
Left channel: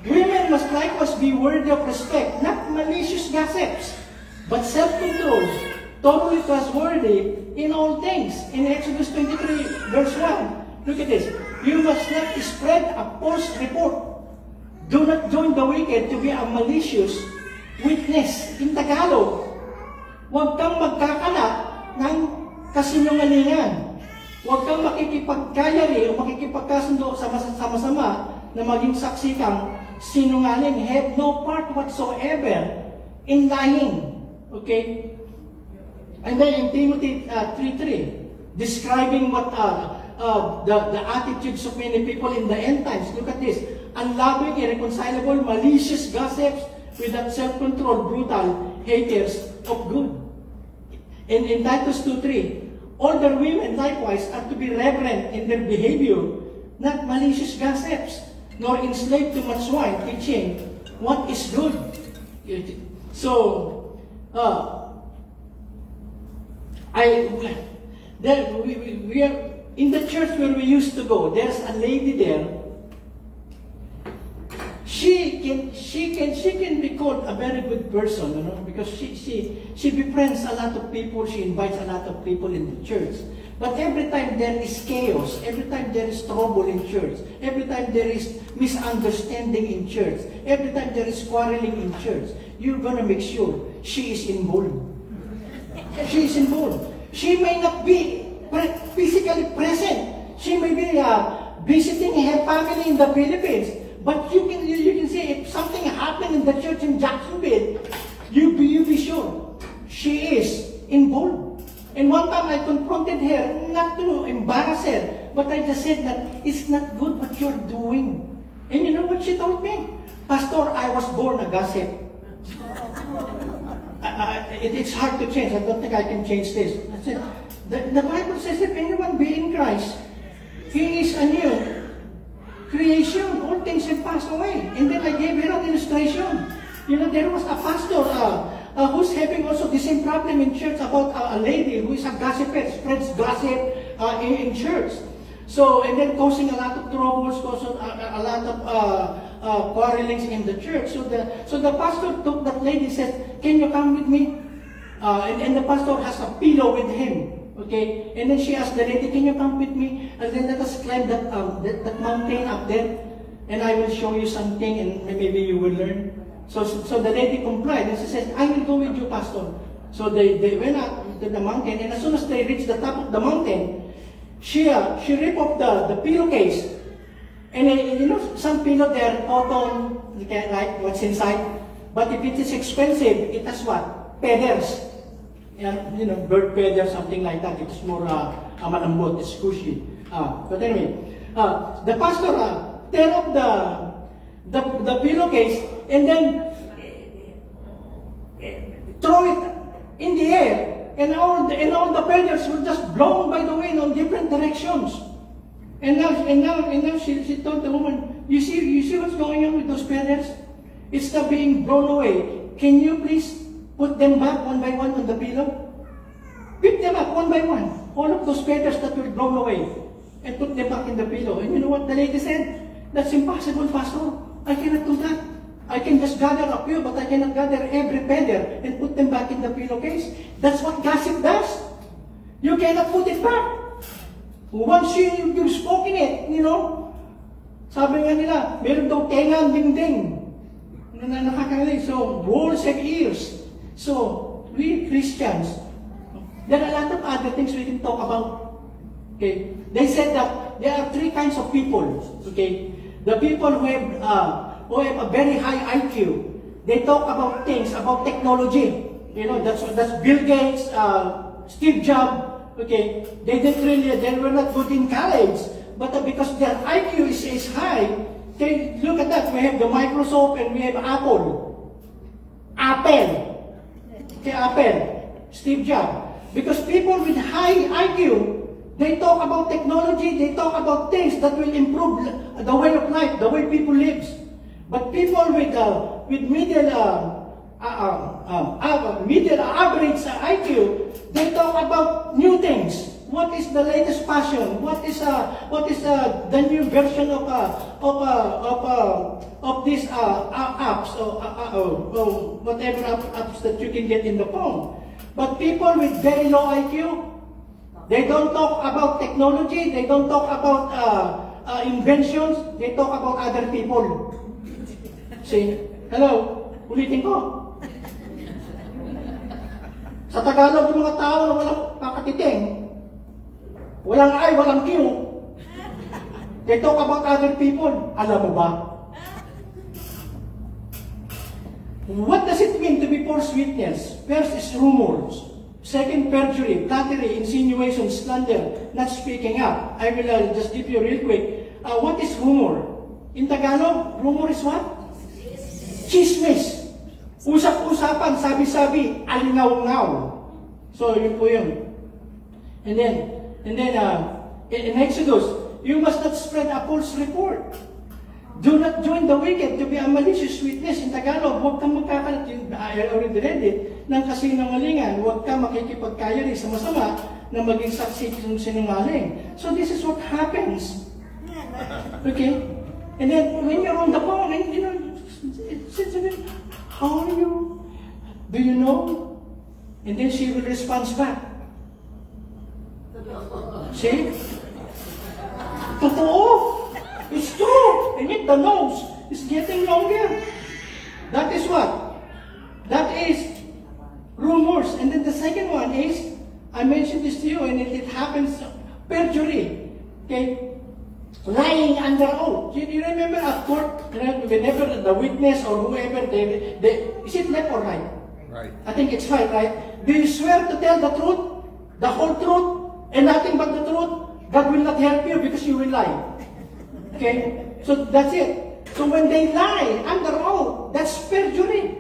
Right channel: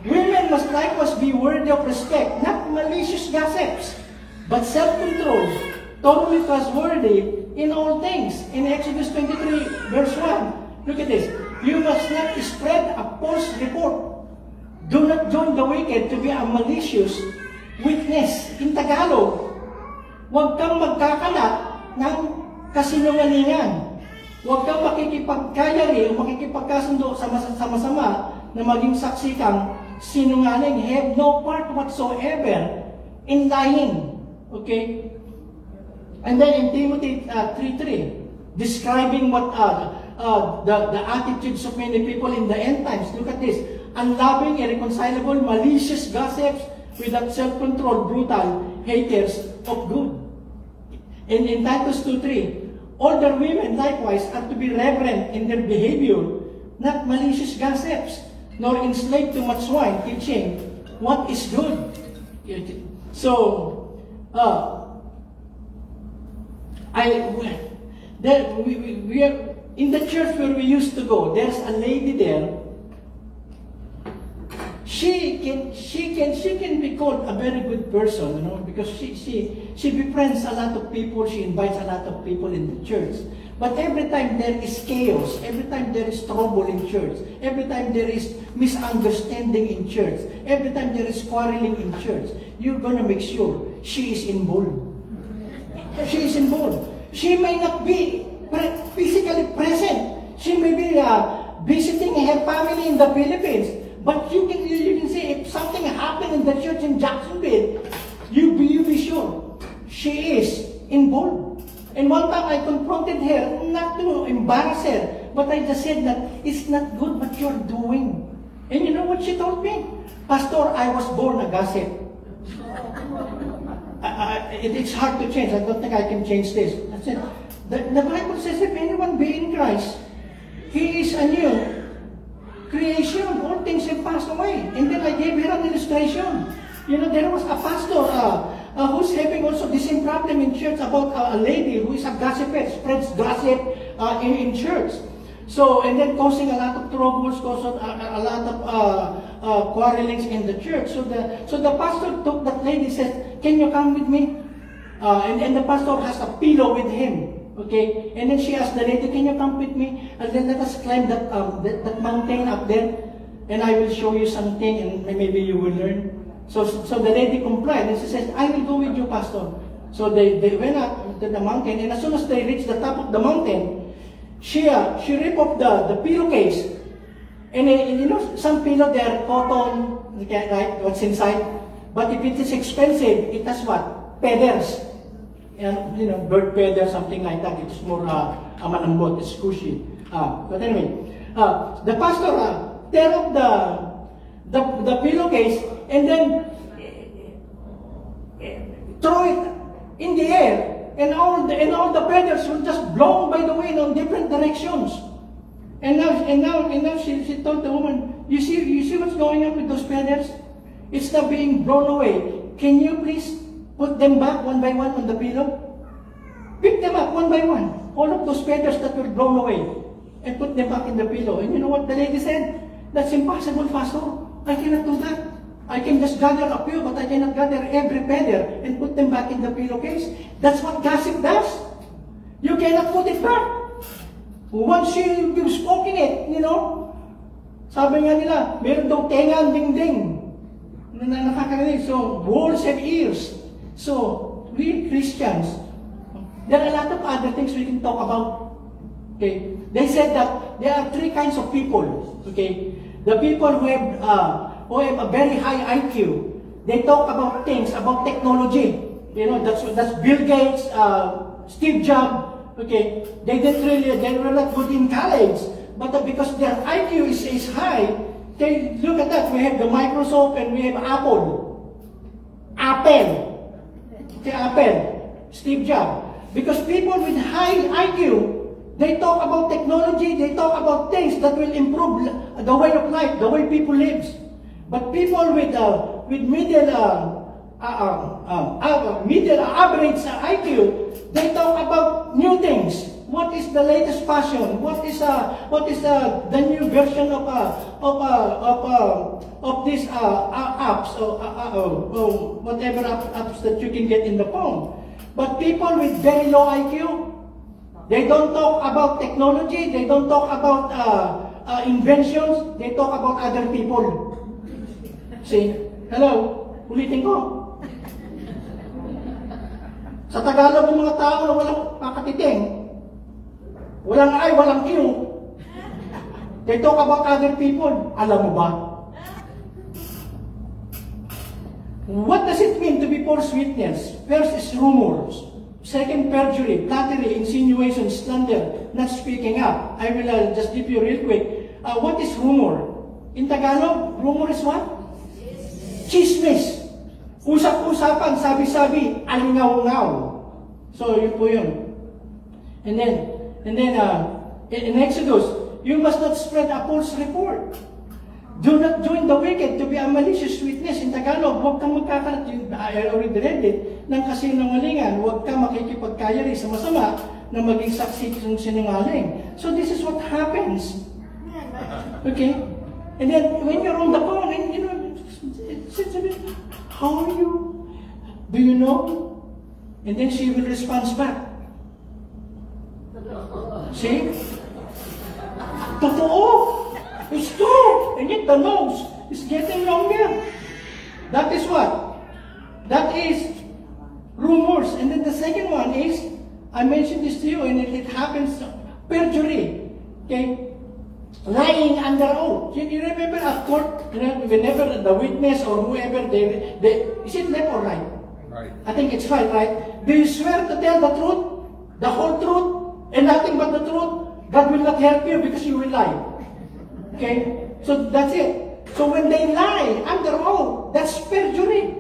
Women must likewise be worthy of respect, not malicious gossips, but self-controlled, totally trustworthy in all things. In Exodus 23, verse 1, look at this. You must not spread a false report. Do not join the wicked to be a malicious witness. In Tagalog, huwag kang magkakalat ng kasinungalingan. Huwag kang makikipagkayari o makikipagkasundo sama-sama na maging saksi kang sinungaling. Have no part whatsoever in lying. Okay? And then in Timothy 3:3, describing what the attitudes of many people in the end times. Look at this. Unloving, irreconcilable, malicious gossips, without self-control, brutal, haters of good. And in Titus 2:3, older women likewise are to be reverent in their behavior, not malicious gossips, nor enslaved to much wine, teaching what is good. So, we are in the church where we used to go. There's a lady there. She can be called a very good person, you know, because she befriends a lot of people. She invites a lot of people in the church. But every time there is chaos, every time there is trouble in church, every time there is misunderstanding in church, every time there is quarreling in church, you're gonna make sure she is involved. She is involved. She may not be physically present. She may be visiting her family in the Philippines. But you can say if something happened in the church in Jacksonville, you be sure she is involved. And one time I confronted her, not to embarrass her, but I just said that it's not good what you're doing. And you know what she told me? Pastor, I was born a gossip. It's hard to change. I don't think I can change this. I said, the Bible says if anyone be in Christ, he is a new creation. All things have passed away. And then I gave her an illustration. You know, there was a pastor who's having also the same problem in church about a lady who is a gossiper, spreads gossip in church. So, and then causing a lot of troubles, causing a lot of quarrelings in the church. So the pastor took that lady, said, "Can you come with me?" And the pastor has a pillow with him. Okay, and then she asked the lady, "Can you come with me? And then let us climb that mountain up there, and I will show you something, and maybe you will learn." So the lady complied, and she said, "I will go with you, pastor." So they went up to the mountain, and as soon as they reached the top of the mountain, she ripped off the pillowcase. And you know, some pillow, they are cotton, you can't write what's inside. But if it is expensive, it has what? Feathers. And, you know, bird feathers, something like that. It's more malambot, it's cushy. But anyway, the pastor tear up the pillowcase and then throw it in the air. And all the feathers were just blown by the wind on different directions. And now she told the woman, you see what's going on with those feathers? It's not being blown away. Can you please put them back one by one on the pillow? Pick them up one by one. All of those feathers that were blown away. And put them back in the pillow. And you know what the lady said? That's impossible, pastor. I cannot do that. I can just gather a few, but I cannot gather every feather and put them back in the pillowcase. That's what gossip does. You cannot put it back. Once you've spoken it, you know, sabi nga nila, meron daw tenga ang dingding. Nakakarinig. So, walls and ears. So, we Christians, there are a lot of other things we can talk about. Okay? They said that there are three kinds of people. Okay? The people who have a very high IQ. They talk about things, about technology. You know, that's Bill Gates, Steve Jobs. Okay, they were not good in college, but because their IQ is high, they look at that. We have the Microsoft and we have Apple, Steve Jobs. Because people with high IQ, they talk about technology, they talk about things that will improve the way of life, the way people live. But people with middle average IQ, they talk about new things. What is the latest fashion? What is the new version of these apps or whatever apps that you can get in the phone? But people with very low IQ, they don't talk about technology. They don't talk about inventions. They talk about other people. See? Hello? Ulitin ko. Sa Tagalog, yung mga tao na walang pakatiting, walang I, walang Q, they talk about other people. Alam mo ba? What does it mean to be false witness? First is rumors. Second, perjury, flattery, insinuation, slander, not speaking up. I will just give you real quick. What is rumor? In Tagalog, rumor is what? Chismis. Usap-usapan, sabi-sabi, alingaw-ngaw. So, yun po yun. And then in Exodus, you must not spread a false report. Do not join the wicked to be a malicious witness. In Tagalog, huwag kang magkakalat. I already read it, ng kasinungalingan. Huwag kang makikipagkayari sa masama na maging saksi ng sinungaling. So, this is what happens. Okay? And then, when you're on the phone, you know, how are you? Do you know? And then she will respond back. See? Totoo. It's true. And yet the nose is getting longer. That is what? That is rumors. And then the second one is, I mentioned this to you, and it happens, perjury. Okay? Lying under oath. You remember at court, whenever the witness or whoever, is it left or right? Right. I think it's right, right? Do you swear to tell the truth, the whole truth, and nothing but the truth? God will not help you because you will lie. Okay? So that's it. So when they lie under oath, that's perjury.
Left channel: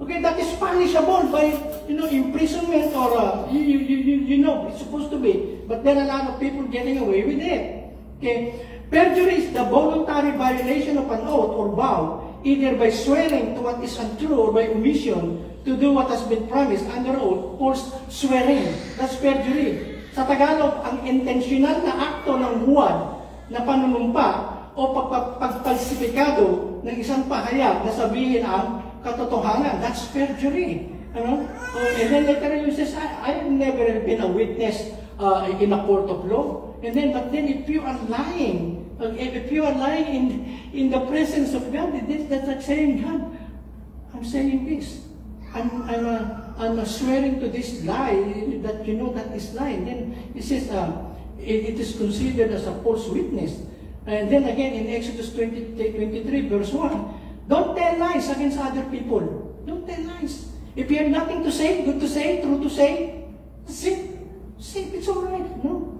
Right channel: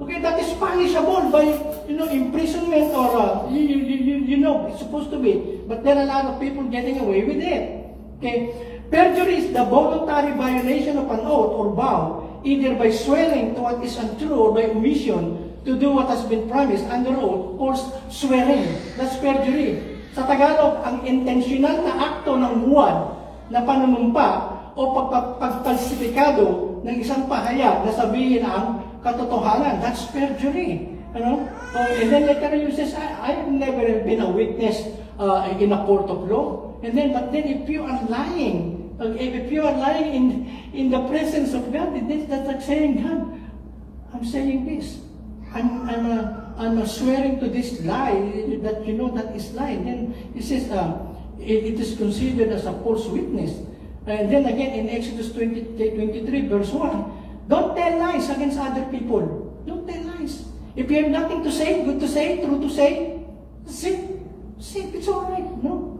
Okay, that is punishable by, you know, imprisonment or, you know, it's supposed to be. But there are a lot of people getting away with it. Okay? Perjury is the voluntary violation of an oath or vow, either by swearing to what is untrue or by omission to do what has been promised under oath, or swearing. That's perjury. Sa Tagalog, ang intentional na akto ng huwad na panunumpa o pagpalsipikado ng isang pahayag na sabihin ang katotohanan. That's perjury. And then later you says, I have never been a witness in a court of law. But then if you are lying, if you are lying in the presence of God, that's like saying, God, I'm saying this. I'm swearing to this lie that that is lying. Then he says, it is considered as a false witness. And then again in Exodus 23 verse 1, don't tell lies against other people. Don't tell lies. If you have nothing to say, good to say, true to say, say it's all right. No.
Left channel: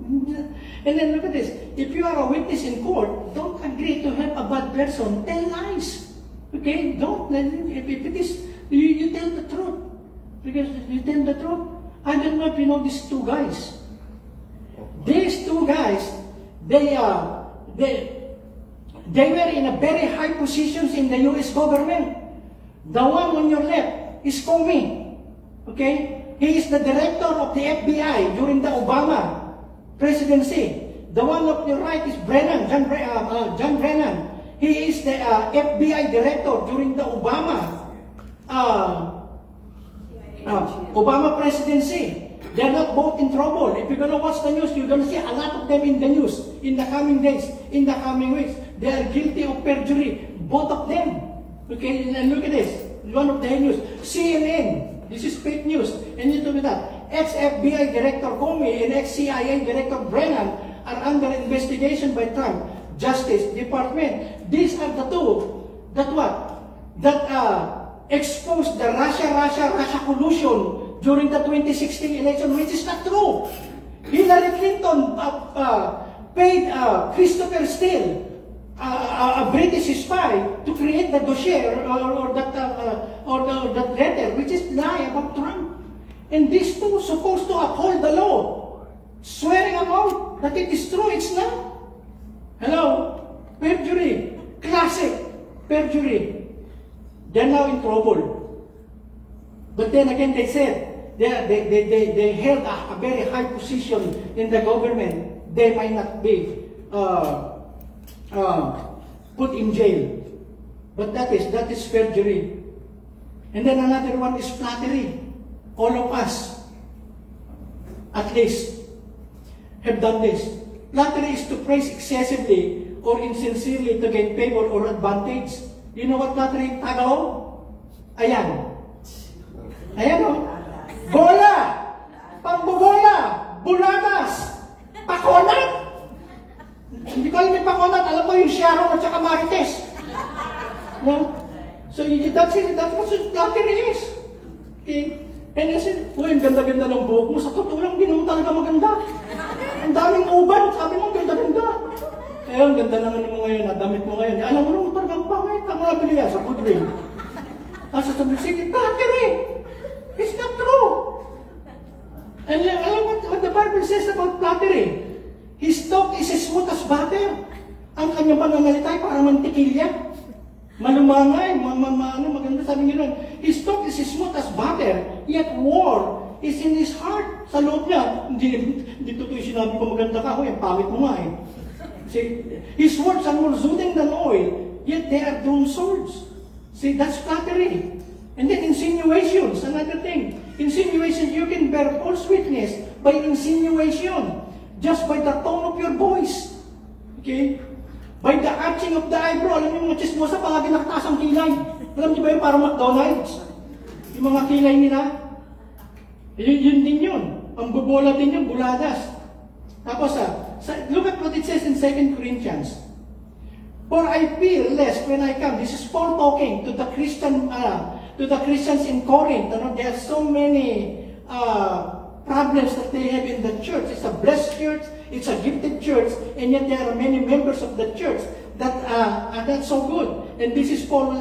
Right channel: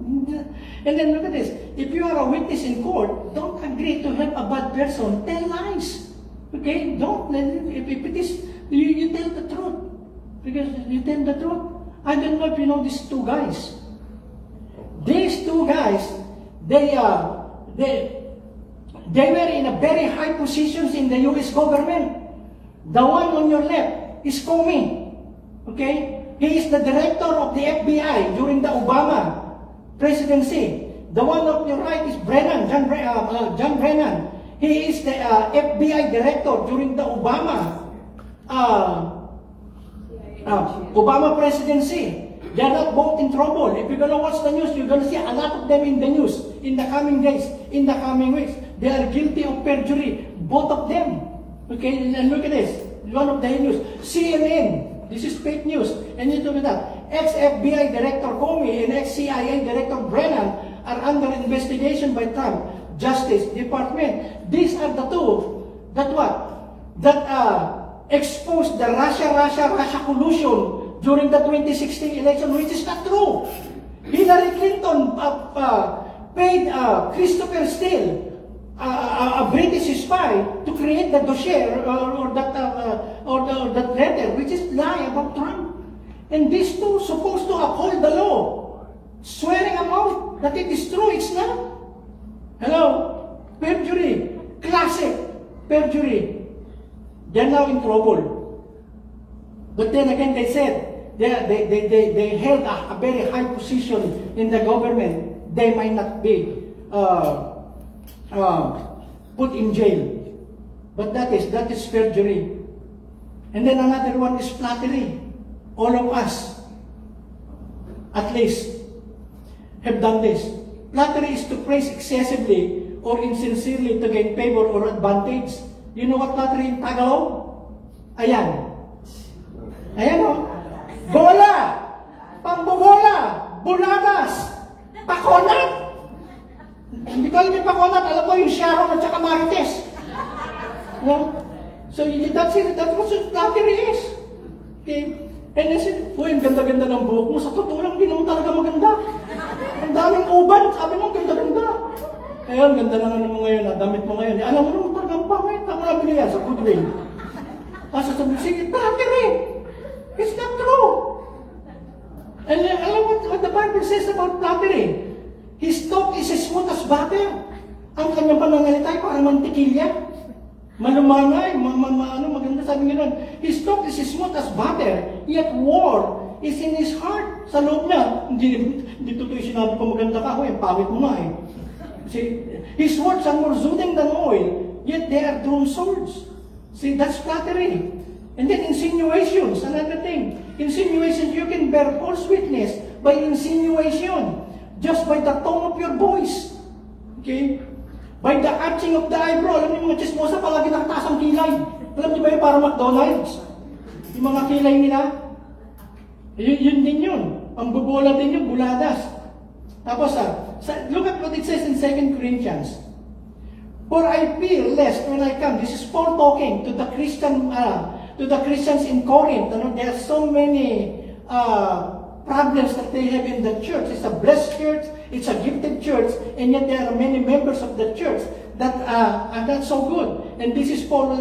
And then look at this. If you are a witness in court, don't agree to help a bad person. Tell lies. Okay? Don't. If it is, you tell the truth. Because you tell the truth. I don't know if you know these two guys. These two guys, they were in a very high positions in the U.S. government. The one on your left is Comey. Okay? He is the director of the FBI during the Obama presidency. The one on your right is Brennan, John Brennan. He is the FBI director during the Obama presidency. They are not both in trouble. If you're going to watch the news, you're going to see a lot of them in the news in the coming days, in the coming weeks. They are guilty of perjury, both of them. Okay, and look at this. One of the news, CNN. This is fake news. And you look at that. Ex-FBI Director Comey and ex-CIA Director Brennan are under investigation by Trump Justice Department. These are the two that exposed the Russia collusion during the 2016 election, which is not true. Hillary Clinton paid Christopher Steele, a British spy, to create the dossier or that letter, which is lie about Trump. And these two supposed to uphold the law, swearing about that it is true. It's not. Hello, perjury, classic perjury. They're now in trouble. But then again, they said they held a very high position in the government. They might not be put in jail. But that is perjury. And then another one is flattery. All of us, at least, have done this. Flattery is to praise excessively or insincerely to gain favor or advantage. You know what flattery in Tagalog? Ayan. Ayan o. Bola! Pambobola! Buladas! Pakonat! Hindi ko alam yung pakonat. Alam ko yung Sharon at saka Marites. No? So that's what flattery is. Okay? And you said, uy, ang ganda-ganda ng buhok mo. Sa totoo lang, hindi naman talaga maganda. Ang daming uban. Sabi mo, ganda-ganda. Kaya ang ganda na mo ngayon, damit mo ngayon. Alam mo naman talagang pangit. Ako na binaya sa Goodwill. Sabi, sige, flattery. It's not true. And alam mo what the Bible says about flattery? His talk is as smooth as butter. Ang kanyang panangalita ay para mantikilya. Malumangay, maganda sabi nga nun. His talk is as smooth as butter, yet war is in his heart. Sa loob niya, hindi totoo yung sinabi ko maganda ka, yung pamit mo nga eh. See, his words are more soothing than oil, yet they are drawn swords. See, that's flattery. And then insinuations, another thing. Insinuations, you can bear false witness by insinuation, just by the tone of your voice. Okay? By the arching of the eyebrow. Alam niyo mga chismosa, palagi nakataas ang kilay. Alam niyo ba yun, parang McDonald's? Yung mga kilay nila. Yun din yun. Ang bubola din yun, buladas. Tapos, look at what it says in 2 Corinthians. For I fear lest when I come, this is Paul talking to the Christians in Corinth. There are so many problems that they have in the church. It's a blessed church, it's a gifted church, and yet there are many members of the church that are not so good. And this is Paul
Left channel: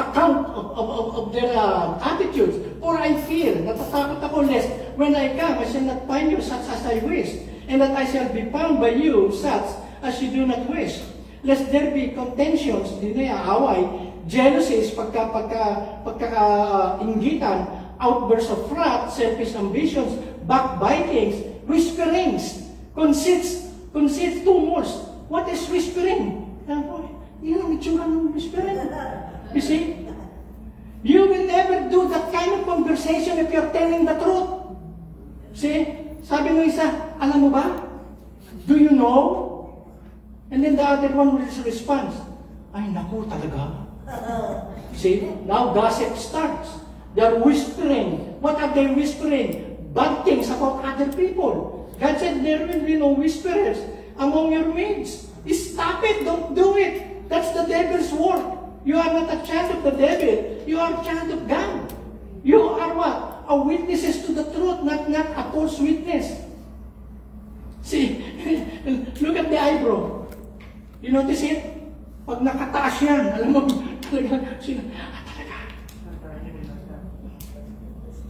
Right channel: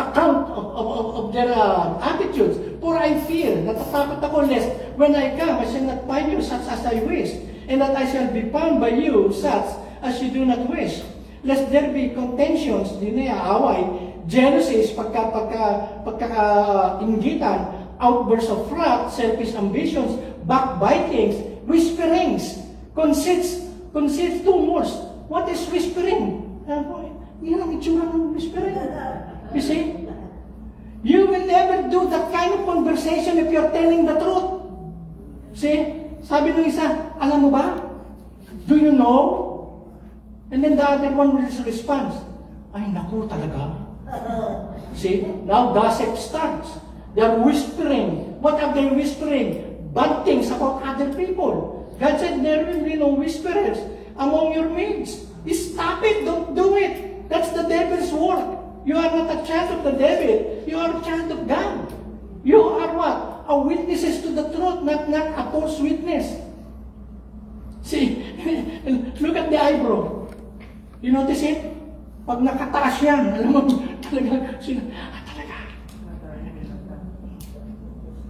account of their attitudes. For I fear, natatakot ako lest when I come, I shall not find you such as I wish, and that I shall be found by you such as you do not wish. Lest there be contentions, away, jealousies, pagka-inggitan, outbursts of wrath, selfish ambitions, backbitings, whisperings, conceits, tumors. What is whispering? Yun ang itsura ng whispering. You see? You will never do that kind of conversation if you're telling the truth. See? Sabi ng isa, alam mo ba? Do you know? And then the other one responds, ay naku talaga. See? Now gossip starts. They're whispering. What are they whispering? Bad things about other people. God said there will be no whisperers among your mates. Stop it. Don't do it. That's the devil's work. You are not a child of the devil. You are a child of God. You are what? A witnesses to the truth, not a false witness. See, look at the eyebrow. You notice it? Pag nakataas yan, alam mo, talaga, talaga.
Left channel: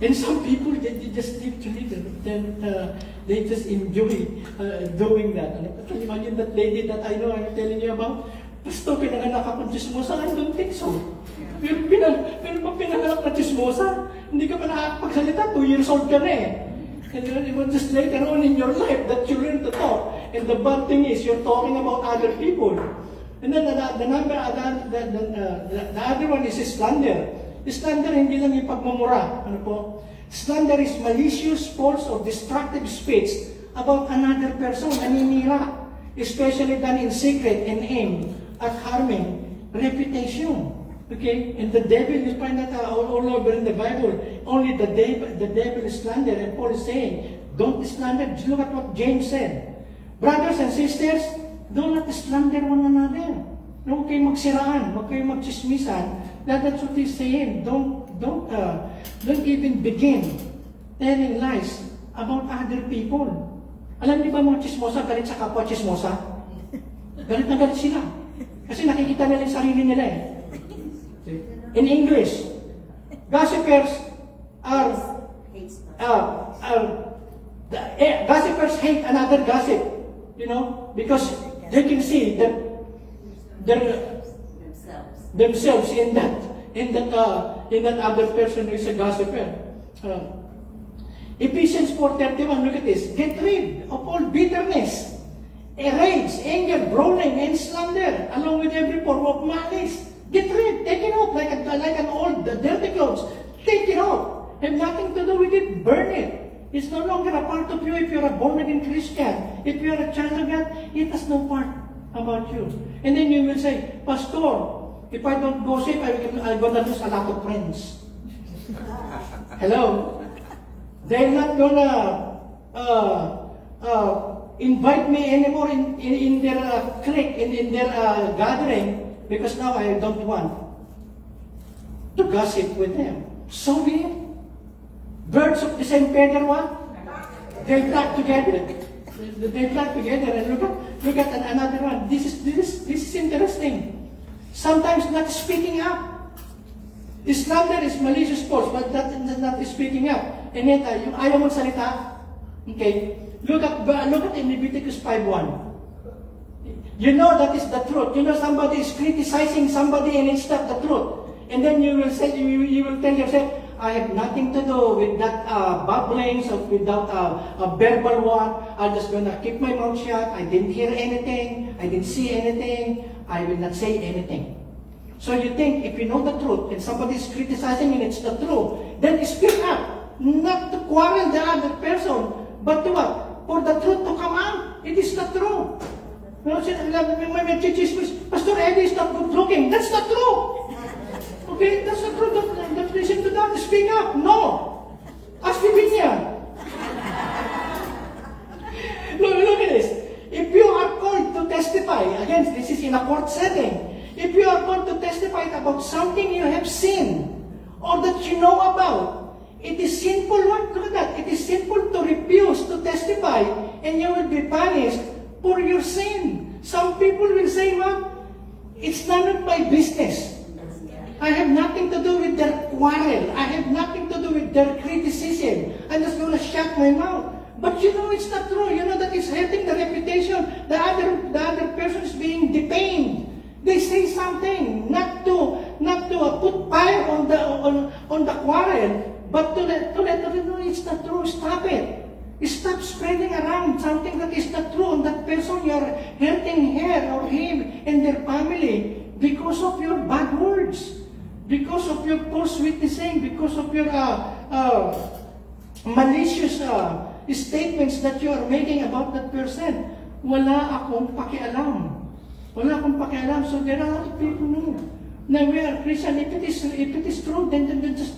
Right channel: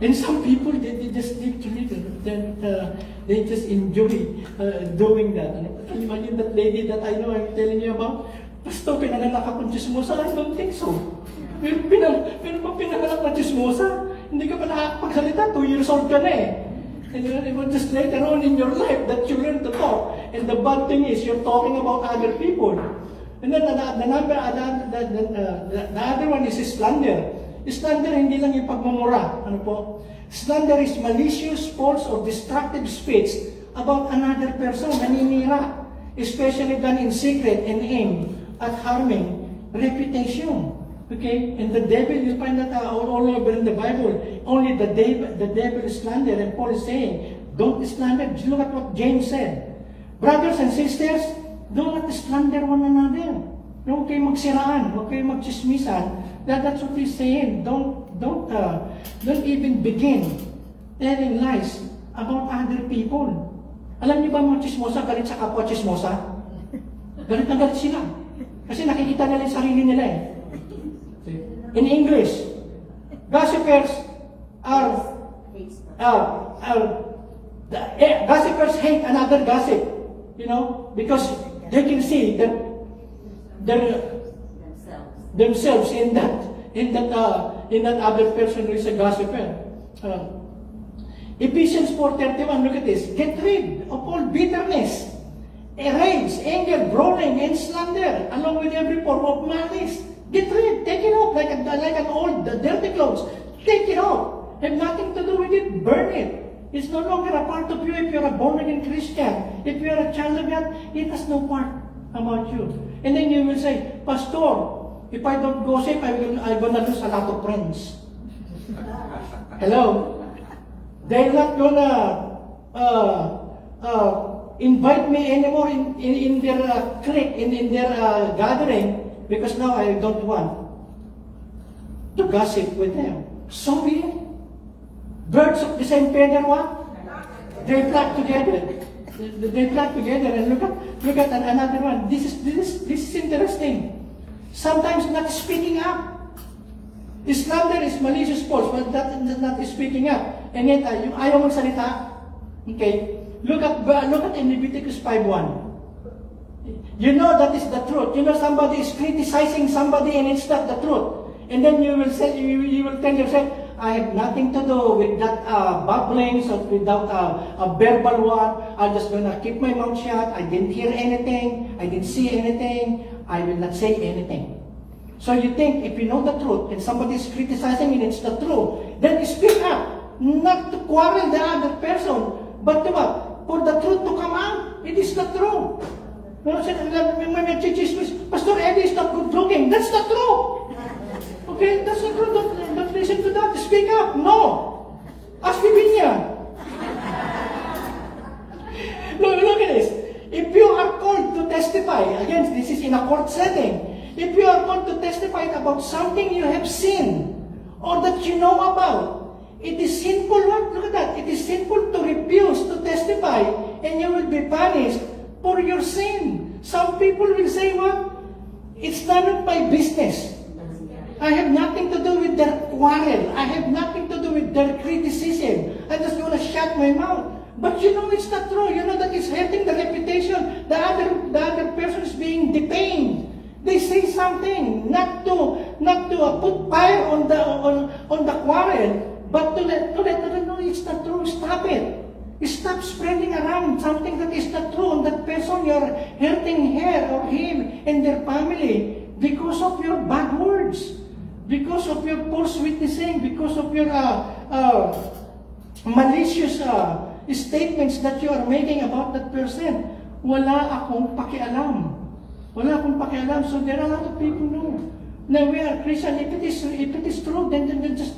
And some people, they just literally, they just enjoy doing that. Can you imagine that lady that I know, I'm telling you about? Pastor, pinanganak akong chismosa. I don't think so. Pero kung pinanganak na chismosa, hindi ka pa nakakapagsalita, 2 years old ka na eh. And then it was just later on in your life that you learn to talk. And the bad thing is, you're talking about other people. And then the other one is slander. Slander, hindi lang yung pagmamura. Ano po? Slander is malicious, false, or destructive speech about another person, naninira. Especially done in secret and aimed at harming reputation. Okay? And the devil, you find that all over in the Bible. Only the devil is slander. And Paul is saying, don't slander. Just look at what James said. Brothers and sisters, do not slander one another. Huwag kayo magsiraan. Huwag kayo magchismisan. That's what he's saying. Don't even begin telling lies about other people. Alam niyo ba mga chismosa, galit sa kapwa chismosa? Galit na galit sila. Kasi nakikita nila yung sarili nila eh. In English, gossipers gossipers hate another gossip, you know, because they can see that themselves in that other person who is a gossiper. Ephesians 4:31, look at this. Get rid of all bitterness, rage, anger, groaning, and slander, along with every form of malice. Get rid, take it out like an old dirty clothes. Take it out. Have nothing to do with it. Burn it. It's no longer a part of you if you're a born-again Christian. If you're a child of God, it has no part about you. And then you will say, Pastor, if I don't gossip, I'm going to lose a lot of friends. Hello? They're not going to invite me anymore in their clique, in their gathering, because now I don't want to gossip with them. So birds of the same feather, what? They flock together. They flock together, and look at another one. This is interesting. Sometimes not speaking up. Slander is malicious false, but that is not speaking up. And yet, yung ayaw magsalita. Okay? Look at in Leviticus 5:1. You know that is the truth. You know somebody is criticizing somebody and it's not the truth. And then you will say, you will tell yourself, I have nothing to do with that babblings or without a verbal one. I'm just going to keep my mouth shut. I didn't hear anything. I didn't see anything. I will not say anything. So you think if you know the truth and somebody is criticizing and it's the truth, then speak up. Not to quarrel the other person, but to what? For the truth to come out. It is the truth. When my church Pastor Eddie is not good looking. That's not true. Okay, that's not true. Don't listen to that. Speak up. No. Ask Bibinya. Look at this. If you are called to testify, again, this is in a court setting. If you are called to testify about something you have seen or that you know about, it is sinful. Look at that. It is sinful to refuse to testify, and you will be punished for your sin. Some people will say, what? It's none of my business. I have nothing to do with their quarrel. I have nothing to do with their criticism. I'm just going to shut my mouth. But you know it's not true. You know that it's hurting the reputation. The other person is being defamed. They say something not to put fire on the quarrel, but to let them know it's not true. Stop it. Stop spreading around something that is not true on that person. You are hurting her or him and their family because of your bad words, because of your false witnessing, because of your malicious statements that you are making about that person. Wala akong pakialam. Wala akong pakialam. So there are a lot of people know. Now we are Christian. If it is true, then just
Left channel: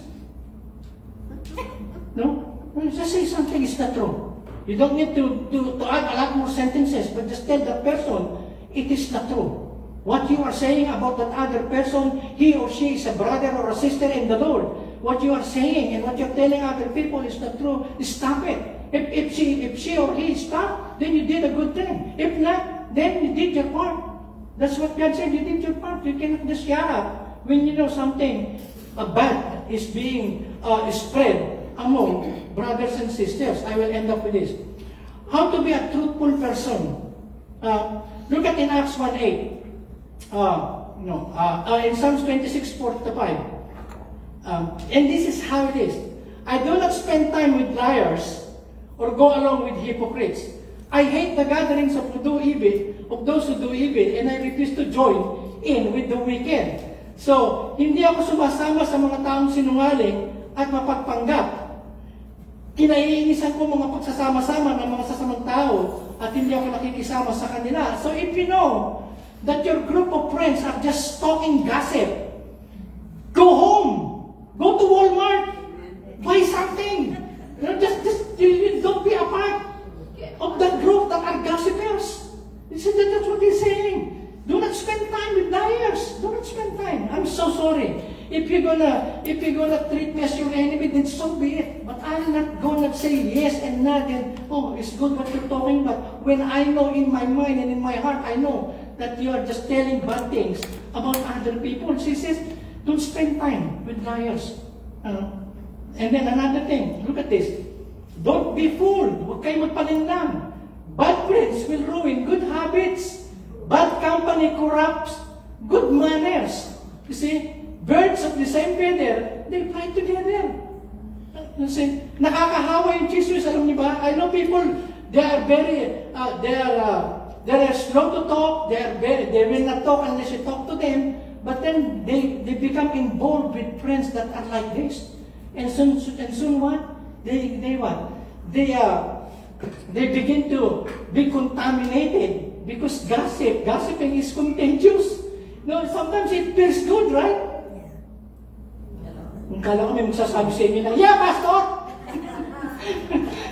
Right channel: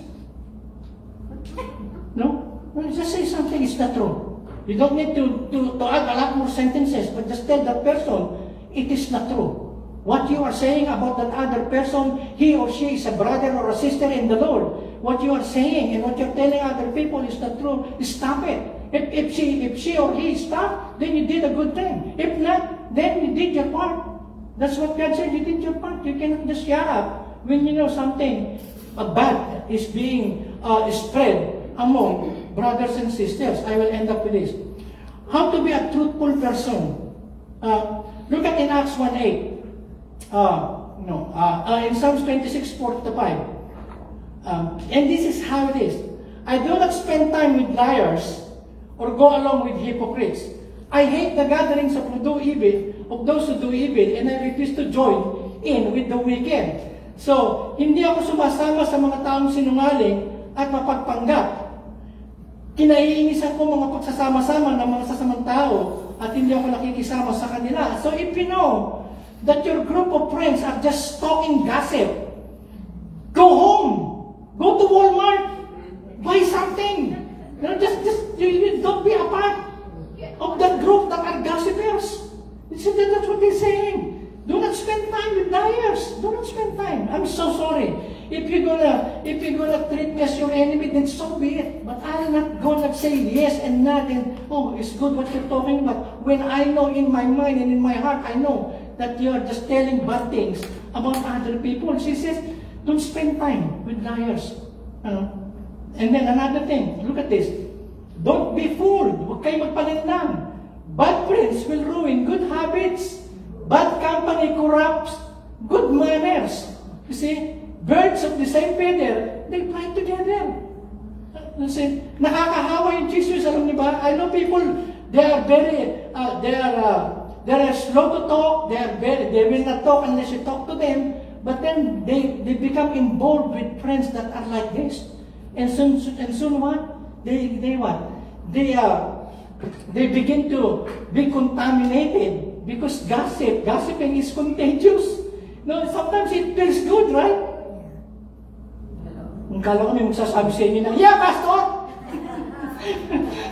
no. Just say something is not true. You don't need to add a lot more sentences, but just tell that person it is not true. What you are saying about that other person, he or she is a brother or a sister in the Lord. What you are saying and what you're telling other people is not true. Stop it. If she or he stopped, then you did a good thing. If not, then you did your part. That's what God said. You did your part. You cannot just shut up when you know something bad is being spread among brothers and sisters. I will end up with this. How to be a truthful person. Look at in Acts 1:8. In Psalms 26:4-5. And this is how it is. I do not spend time with liars or go along with hypocrites. I hate the gatherings of those who do evil, and I refuse to join in with the wicked. So, hindi ako sumasama sa mga taong sinungaling at mapagpanggap. Kinaiinisan ko mga pagsasama-sama ng mga sasamang tao at hindi ako nakikisama sa kanila. So if you know that your group of friends are just talking gossip, go home, go to Walmart, buy something. You don't be a part of that group that are gossipers. That's what he's saying. Do not spend time with liars. Do not spend time. I'm so sorry. If you're gonna treat me as your enemy, then so be it. But I'm not gonna say yes and not and oh, it's good what you're talking about. When I know in my mind and in my heart, I know that you are just telling bad things about other people. She says, don't spend time with liars. And then another thing, look at this. Don't be fooled. Huwag kayo magpalindang. Bad friends will ruin good habits. Bad company corrupts good manners. You see, birds of the same feather, they fly together. You see, nakakahawa yung Jesus, alam niyo ba? I know people, they are slow to talk, they will not talk unless you talk to them, but then they become involved with friends that are like this. And soon what? They begin to be contaminated. Because gossiping is contagious. No, sometimes it feels good, right? Kung kala kami magsasabi sa inyo na, yeah, Pastor!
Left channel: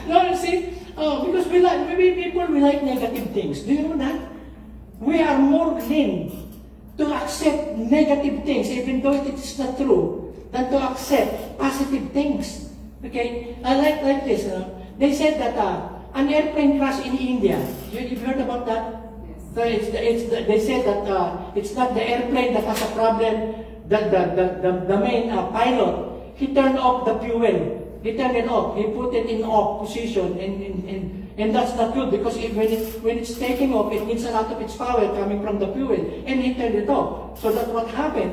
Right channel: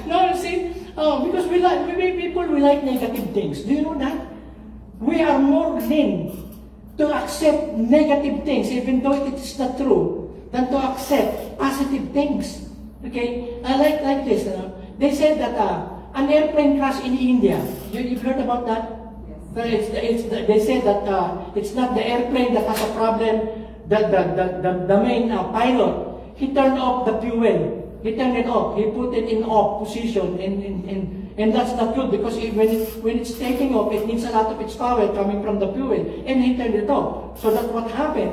No, see? Because we like negative things. Do you know that? We are more lean to accept negative things, even though it is not true, than to accept positive things. Okay? I like this. They said that an airplane crash in India. You've heard about that? They say that it's not the airplane that has a problem. The main pilot, he turned off the fuel. He turned it off. He put it in off position, and that's not good because when it's taking off, it needs a lot of its power coming from the fuel, and he turned it off. So that's what happened.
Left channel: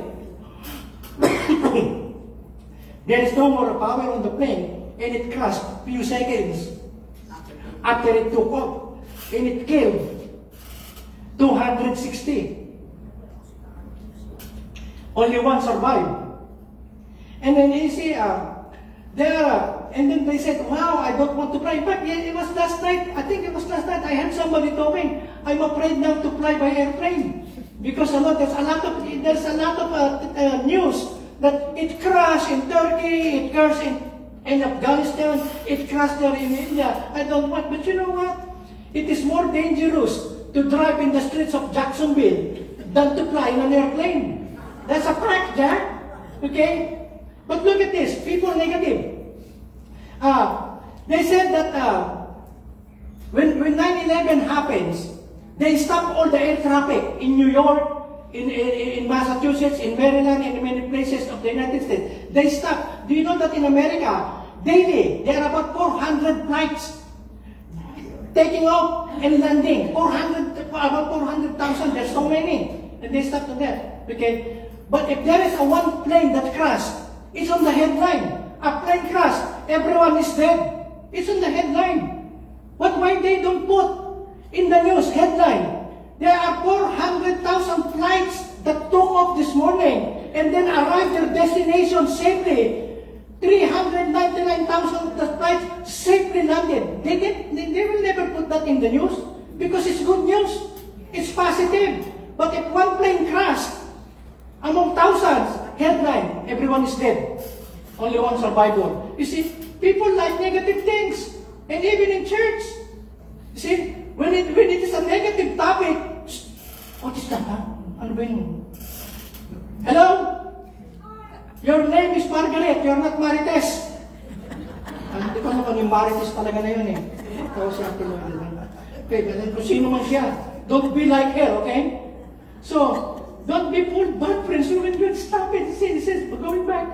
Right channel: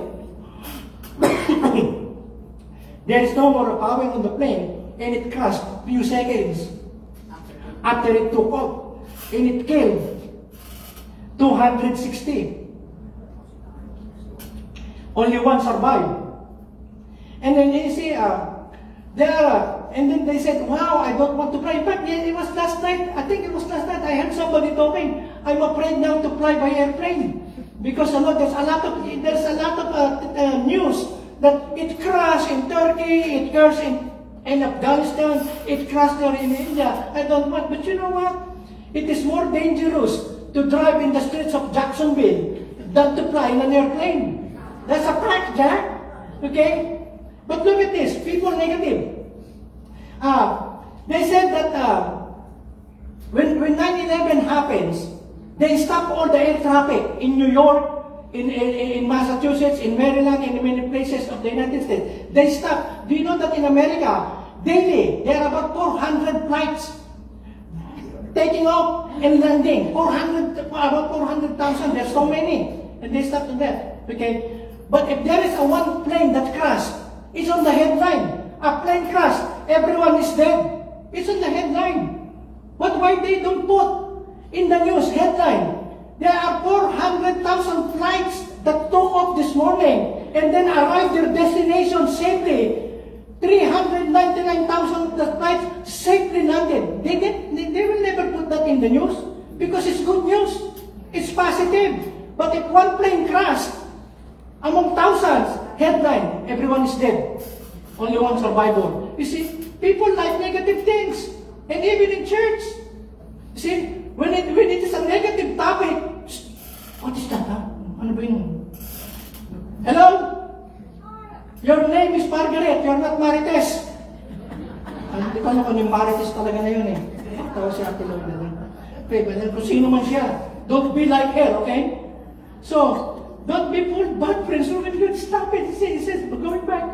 There is no more power on the plane, and it crashed few seconds after it took off, and it killed 260. Only one survived. And then you see, and then they said, wow, I don't want to fly. But yeah, it was last night. I think it was last night. I heard somebody talking, I'm afraid now to fly by airplane. Because there's a lot of news that it crashed in Turkey, it crashed in Afghanistan, it crashed there in India. I don't want, but you know what? It is more dangerous to drive in the streets of Jacksonville than to fly in an airplane. That's a fact, Jack. Okay? But look at this. People negative. They said that when 9/11 happens, they stop all the air traffic in New York, in Massachusetts, in Maryland, and in many places of the United States. They stop. Do you know that in America, daily, there are about 400 flights taking off and landing. About 400,000. There's so many. And they stop to that. Okay? But if there is one plane that crashed, it's on the headline. A plane crash, everyone is dead. It's on the headline. Why they don't put in the news headline, there are 400,000 flights that took off this morning and then arrived their destination safely. 399,000 flights safely landed. They will never put that in the news because it's good news. It's positive. But if one plane crashed among thousands, headline, everyone is dead. Only one survivor. You see, people like negative things. And even in church. You see, when it is a negative topic, what is that? Ano ba yun? Hello? Your name is Margaret, you're not Marites. Di ba kung yung Marites talaga na yun eh. Tawag sa atin lang. Okay, but kung sino man siya, don't be like her, okay? So, don't be fooled, bad friends. So when you stop it, it says, going back,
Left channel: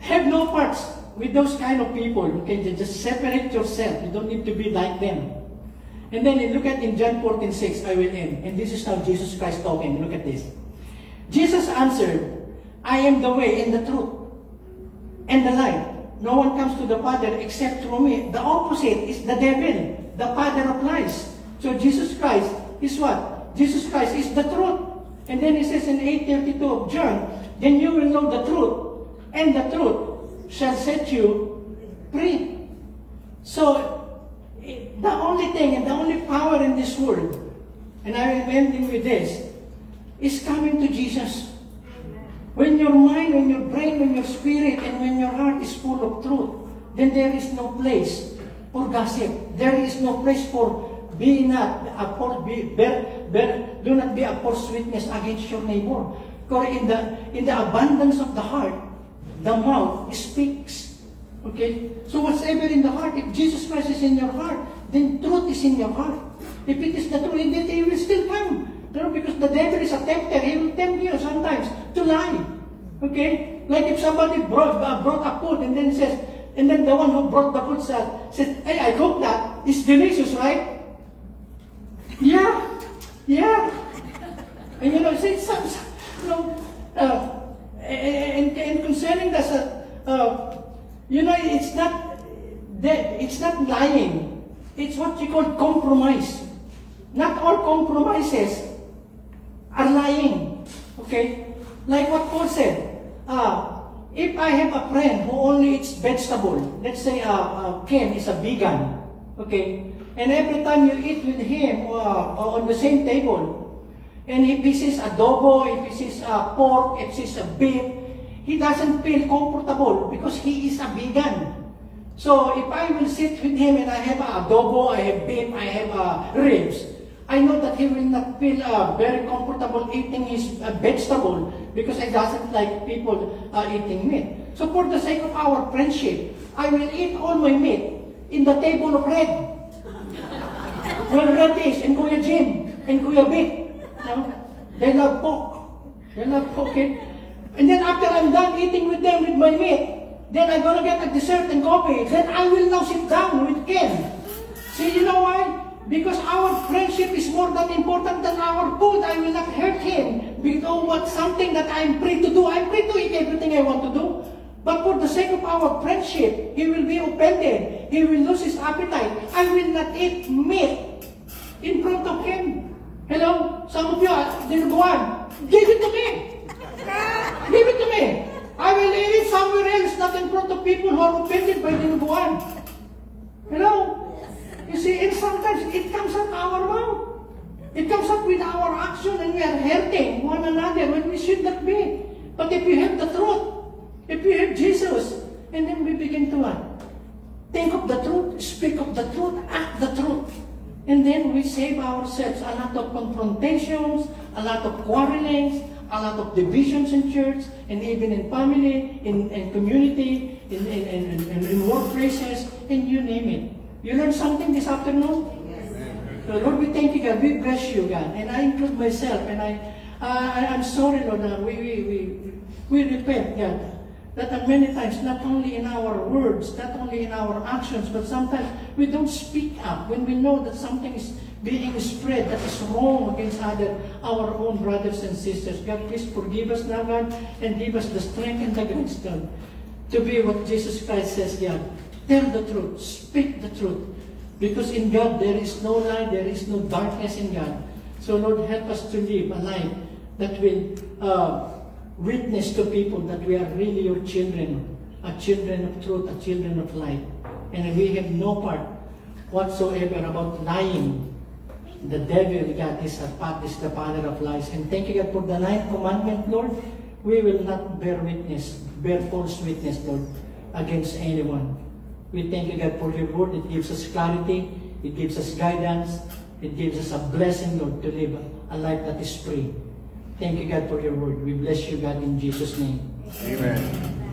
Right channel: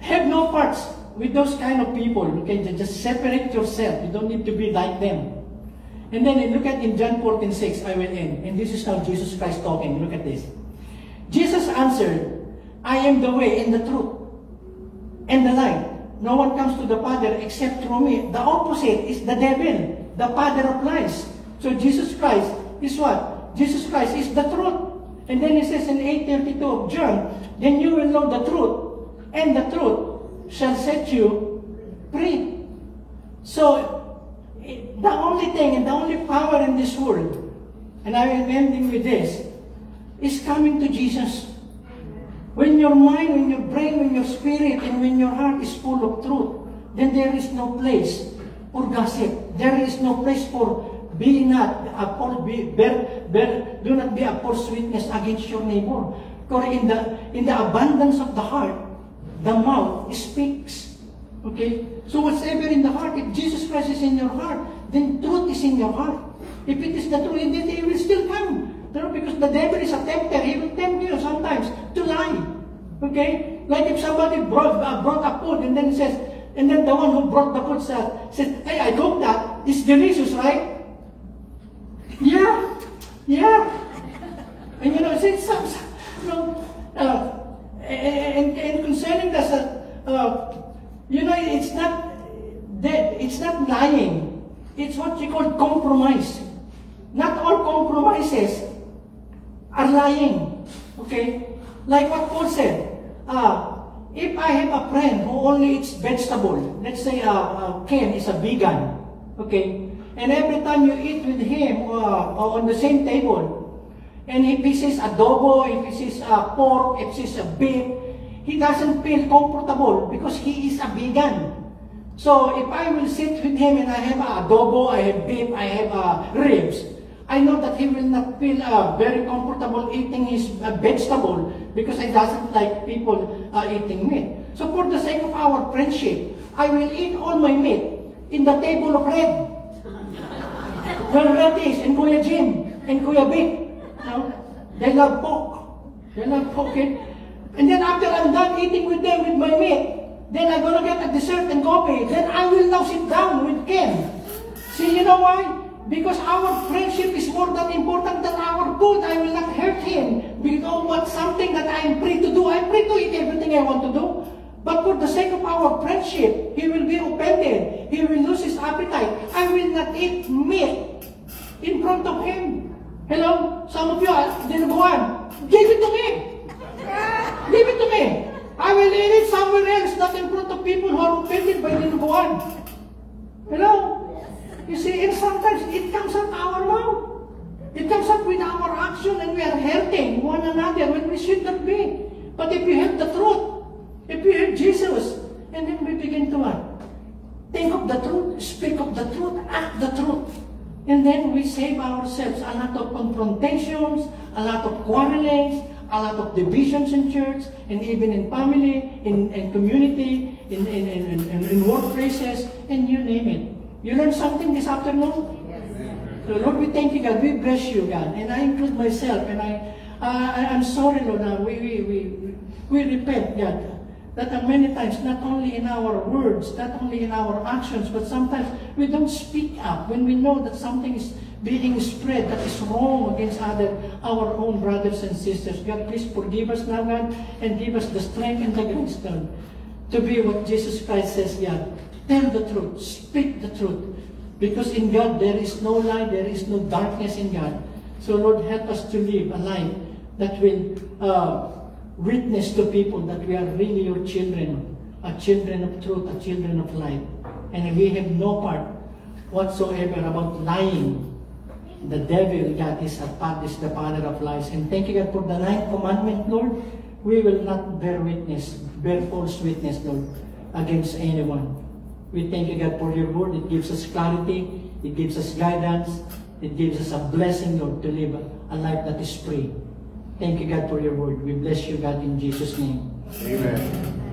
have no parts with those kind of people. Okay, just separate yourself. You don't need to be like them. And then you look at in John 14:6, I will end. And this is how Jesus Christ talking. Look at this. Jesus answered, I am the way and the truth and the life. No one comes to the Father except through me. The opposite is the devil, the father of lies. So Jesus Christ is what? Jesus Christ is the truth. And then he says in 8:32 of John, then you will know the truth, and the truth shall set you free. So, the only thing and the only power in this world, and I will end with this, is coming to Jesus. When your mind, when your brain, when your spirit, and when your heart is full of truth, then there is no place for gossip. There is no place for do not be a false witness against your neighbor. Because in the abundance of the heart, the mouth speaks. Okay? So whatever in the heart, if Jesus Christ is in your heart, then truth is in your heart. If it is the truth, then it will still come. Because the devil is a tempter. He will tempt you sometimes to lie. Okay? Like if somebody brought a food and then says, and then the one who brought the food said, hey, I cooked that. It's delicious, right? Yeah. Yeah. And you know, and concerning this, you know, it's not lying. It's what you call compromise. Not all compromises are lying. Okay? Like what Paul said, if I have a friend who only eats vegetable, let's say Ken is a vegan, okay? And every time you eat with him on the same table, and if he sees adobo, if he sees pork, if he sees beef, he doesn't feel comfortable because he is a vegan. So if I will sit with him and I have adobo, I have beef, I have ribs, I know that he will not feel very comfortable eating his vegetable because he doesn't like people eating meat. So for the sake of our friendship, I will eat all my meat in the table of red. Well, Reddish and Kuya Jim and Kuya Vic, they love pork. They love pork. Okay? And then after I'm done eating with them with my meat, then I'm gonna get a dessert and coffee. Then I will now sit down with Ken. See, you know why? Because our friendship is more than important than our food. I will not hurt him because what's something that I am free to do. I'm free to eat everything I want to do. But for the sake of our friendship, he will be offended. He will lose his appetite. I will not eat meat in front of him. Hello? Some of you are dinuguan. Give it to me. Give it to me. I will eat it somewhere else, not in front of people who are offended by dinuguan. Hello? You see, and sometimes it comes out our mouth. It comes out with our action and we are hurting one another when we should not be. But if you have the truth, if you have Jesus, and then we begin to think of the truth, speak of the truth, act the truth. And then we save ourselves a lot of confrontations, a lot of quarrelings, a lot of divisions in church, and even in family, in community, in workplaces, and you name it. You learned something this afternoon? Yes. So Lord, we thank you, God. We bless you, God. And I include myself. And I'm sorry, Lord. We repent, God. That many times, not only in our words, not only in our actions, but sometimes we don't speak up when we know that something is being spread that is wrong against our own brothers and sisters. God, please forgive us now, God, and give us the strength and the grace, God, to be what Jesus Christ says, God. Tell the truth, speak the truth. Because in God, there is no light, there is no darkness in God. So Lord, help us to live a life that will witness to people that we are really your children, a children of truth, a children of light. And we have no part whatsoever about lying. The devil, God, is the father of lies. And thank you, God, for the 9th commandment, Lord. We will not bear false witness, Lord, against anyone. We thank you, God, for your word. It gives us clarity. It gives us guidance. It gives us a blessing, Lord, to live a life that is free. Thank you, God, for your word. We bless you, God, in Jesus' name. Amen.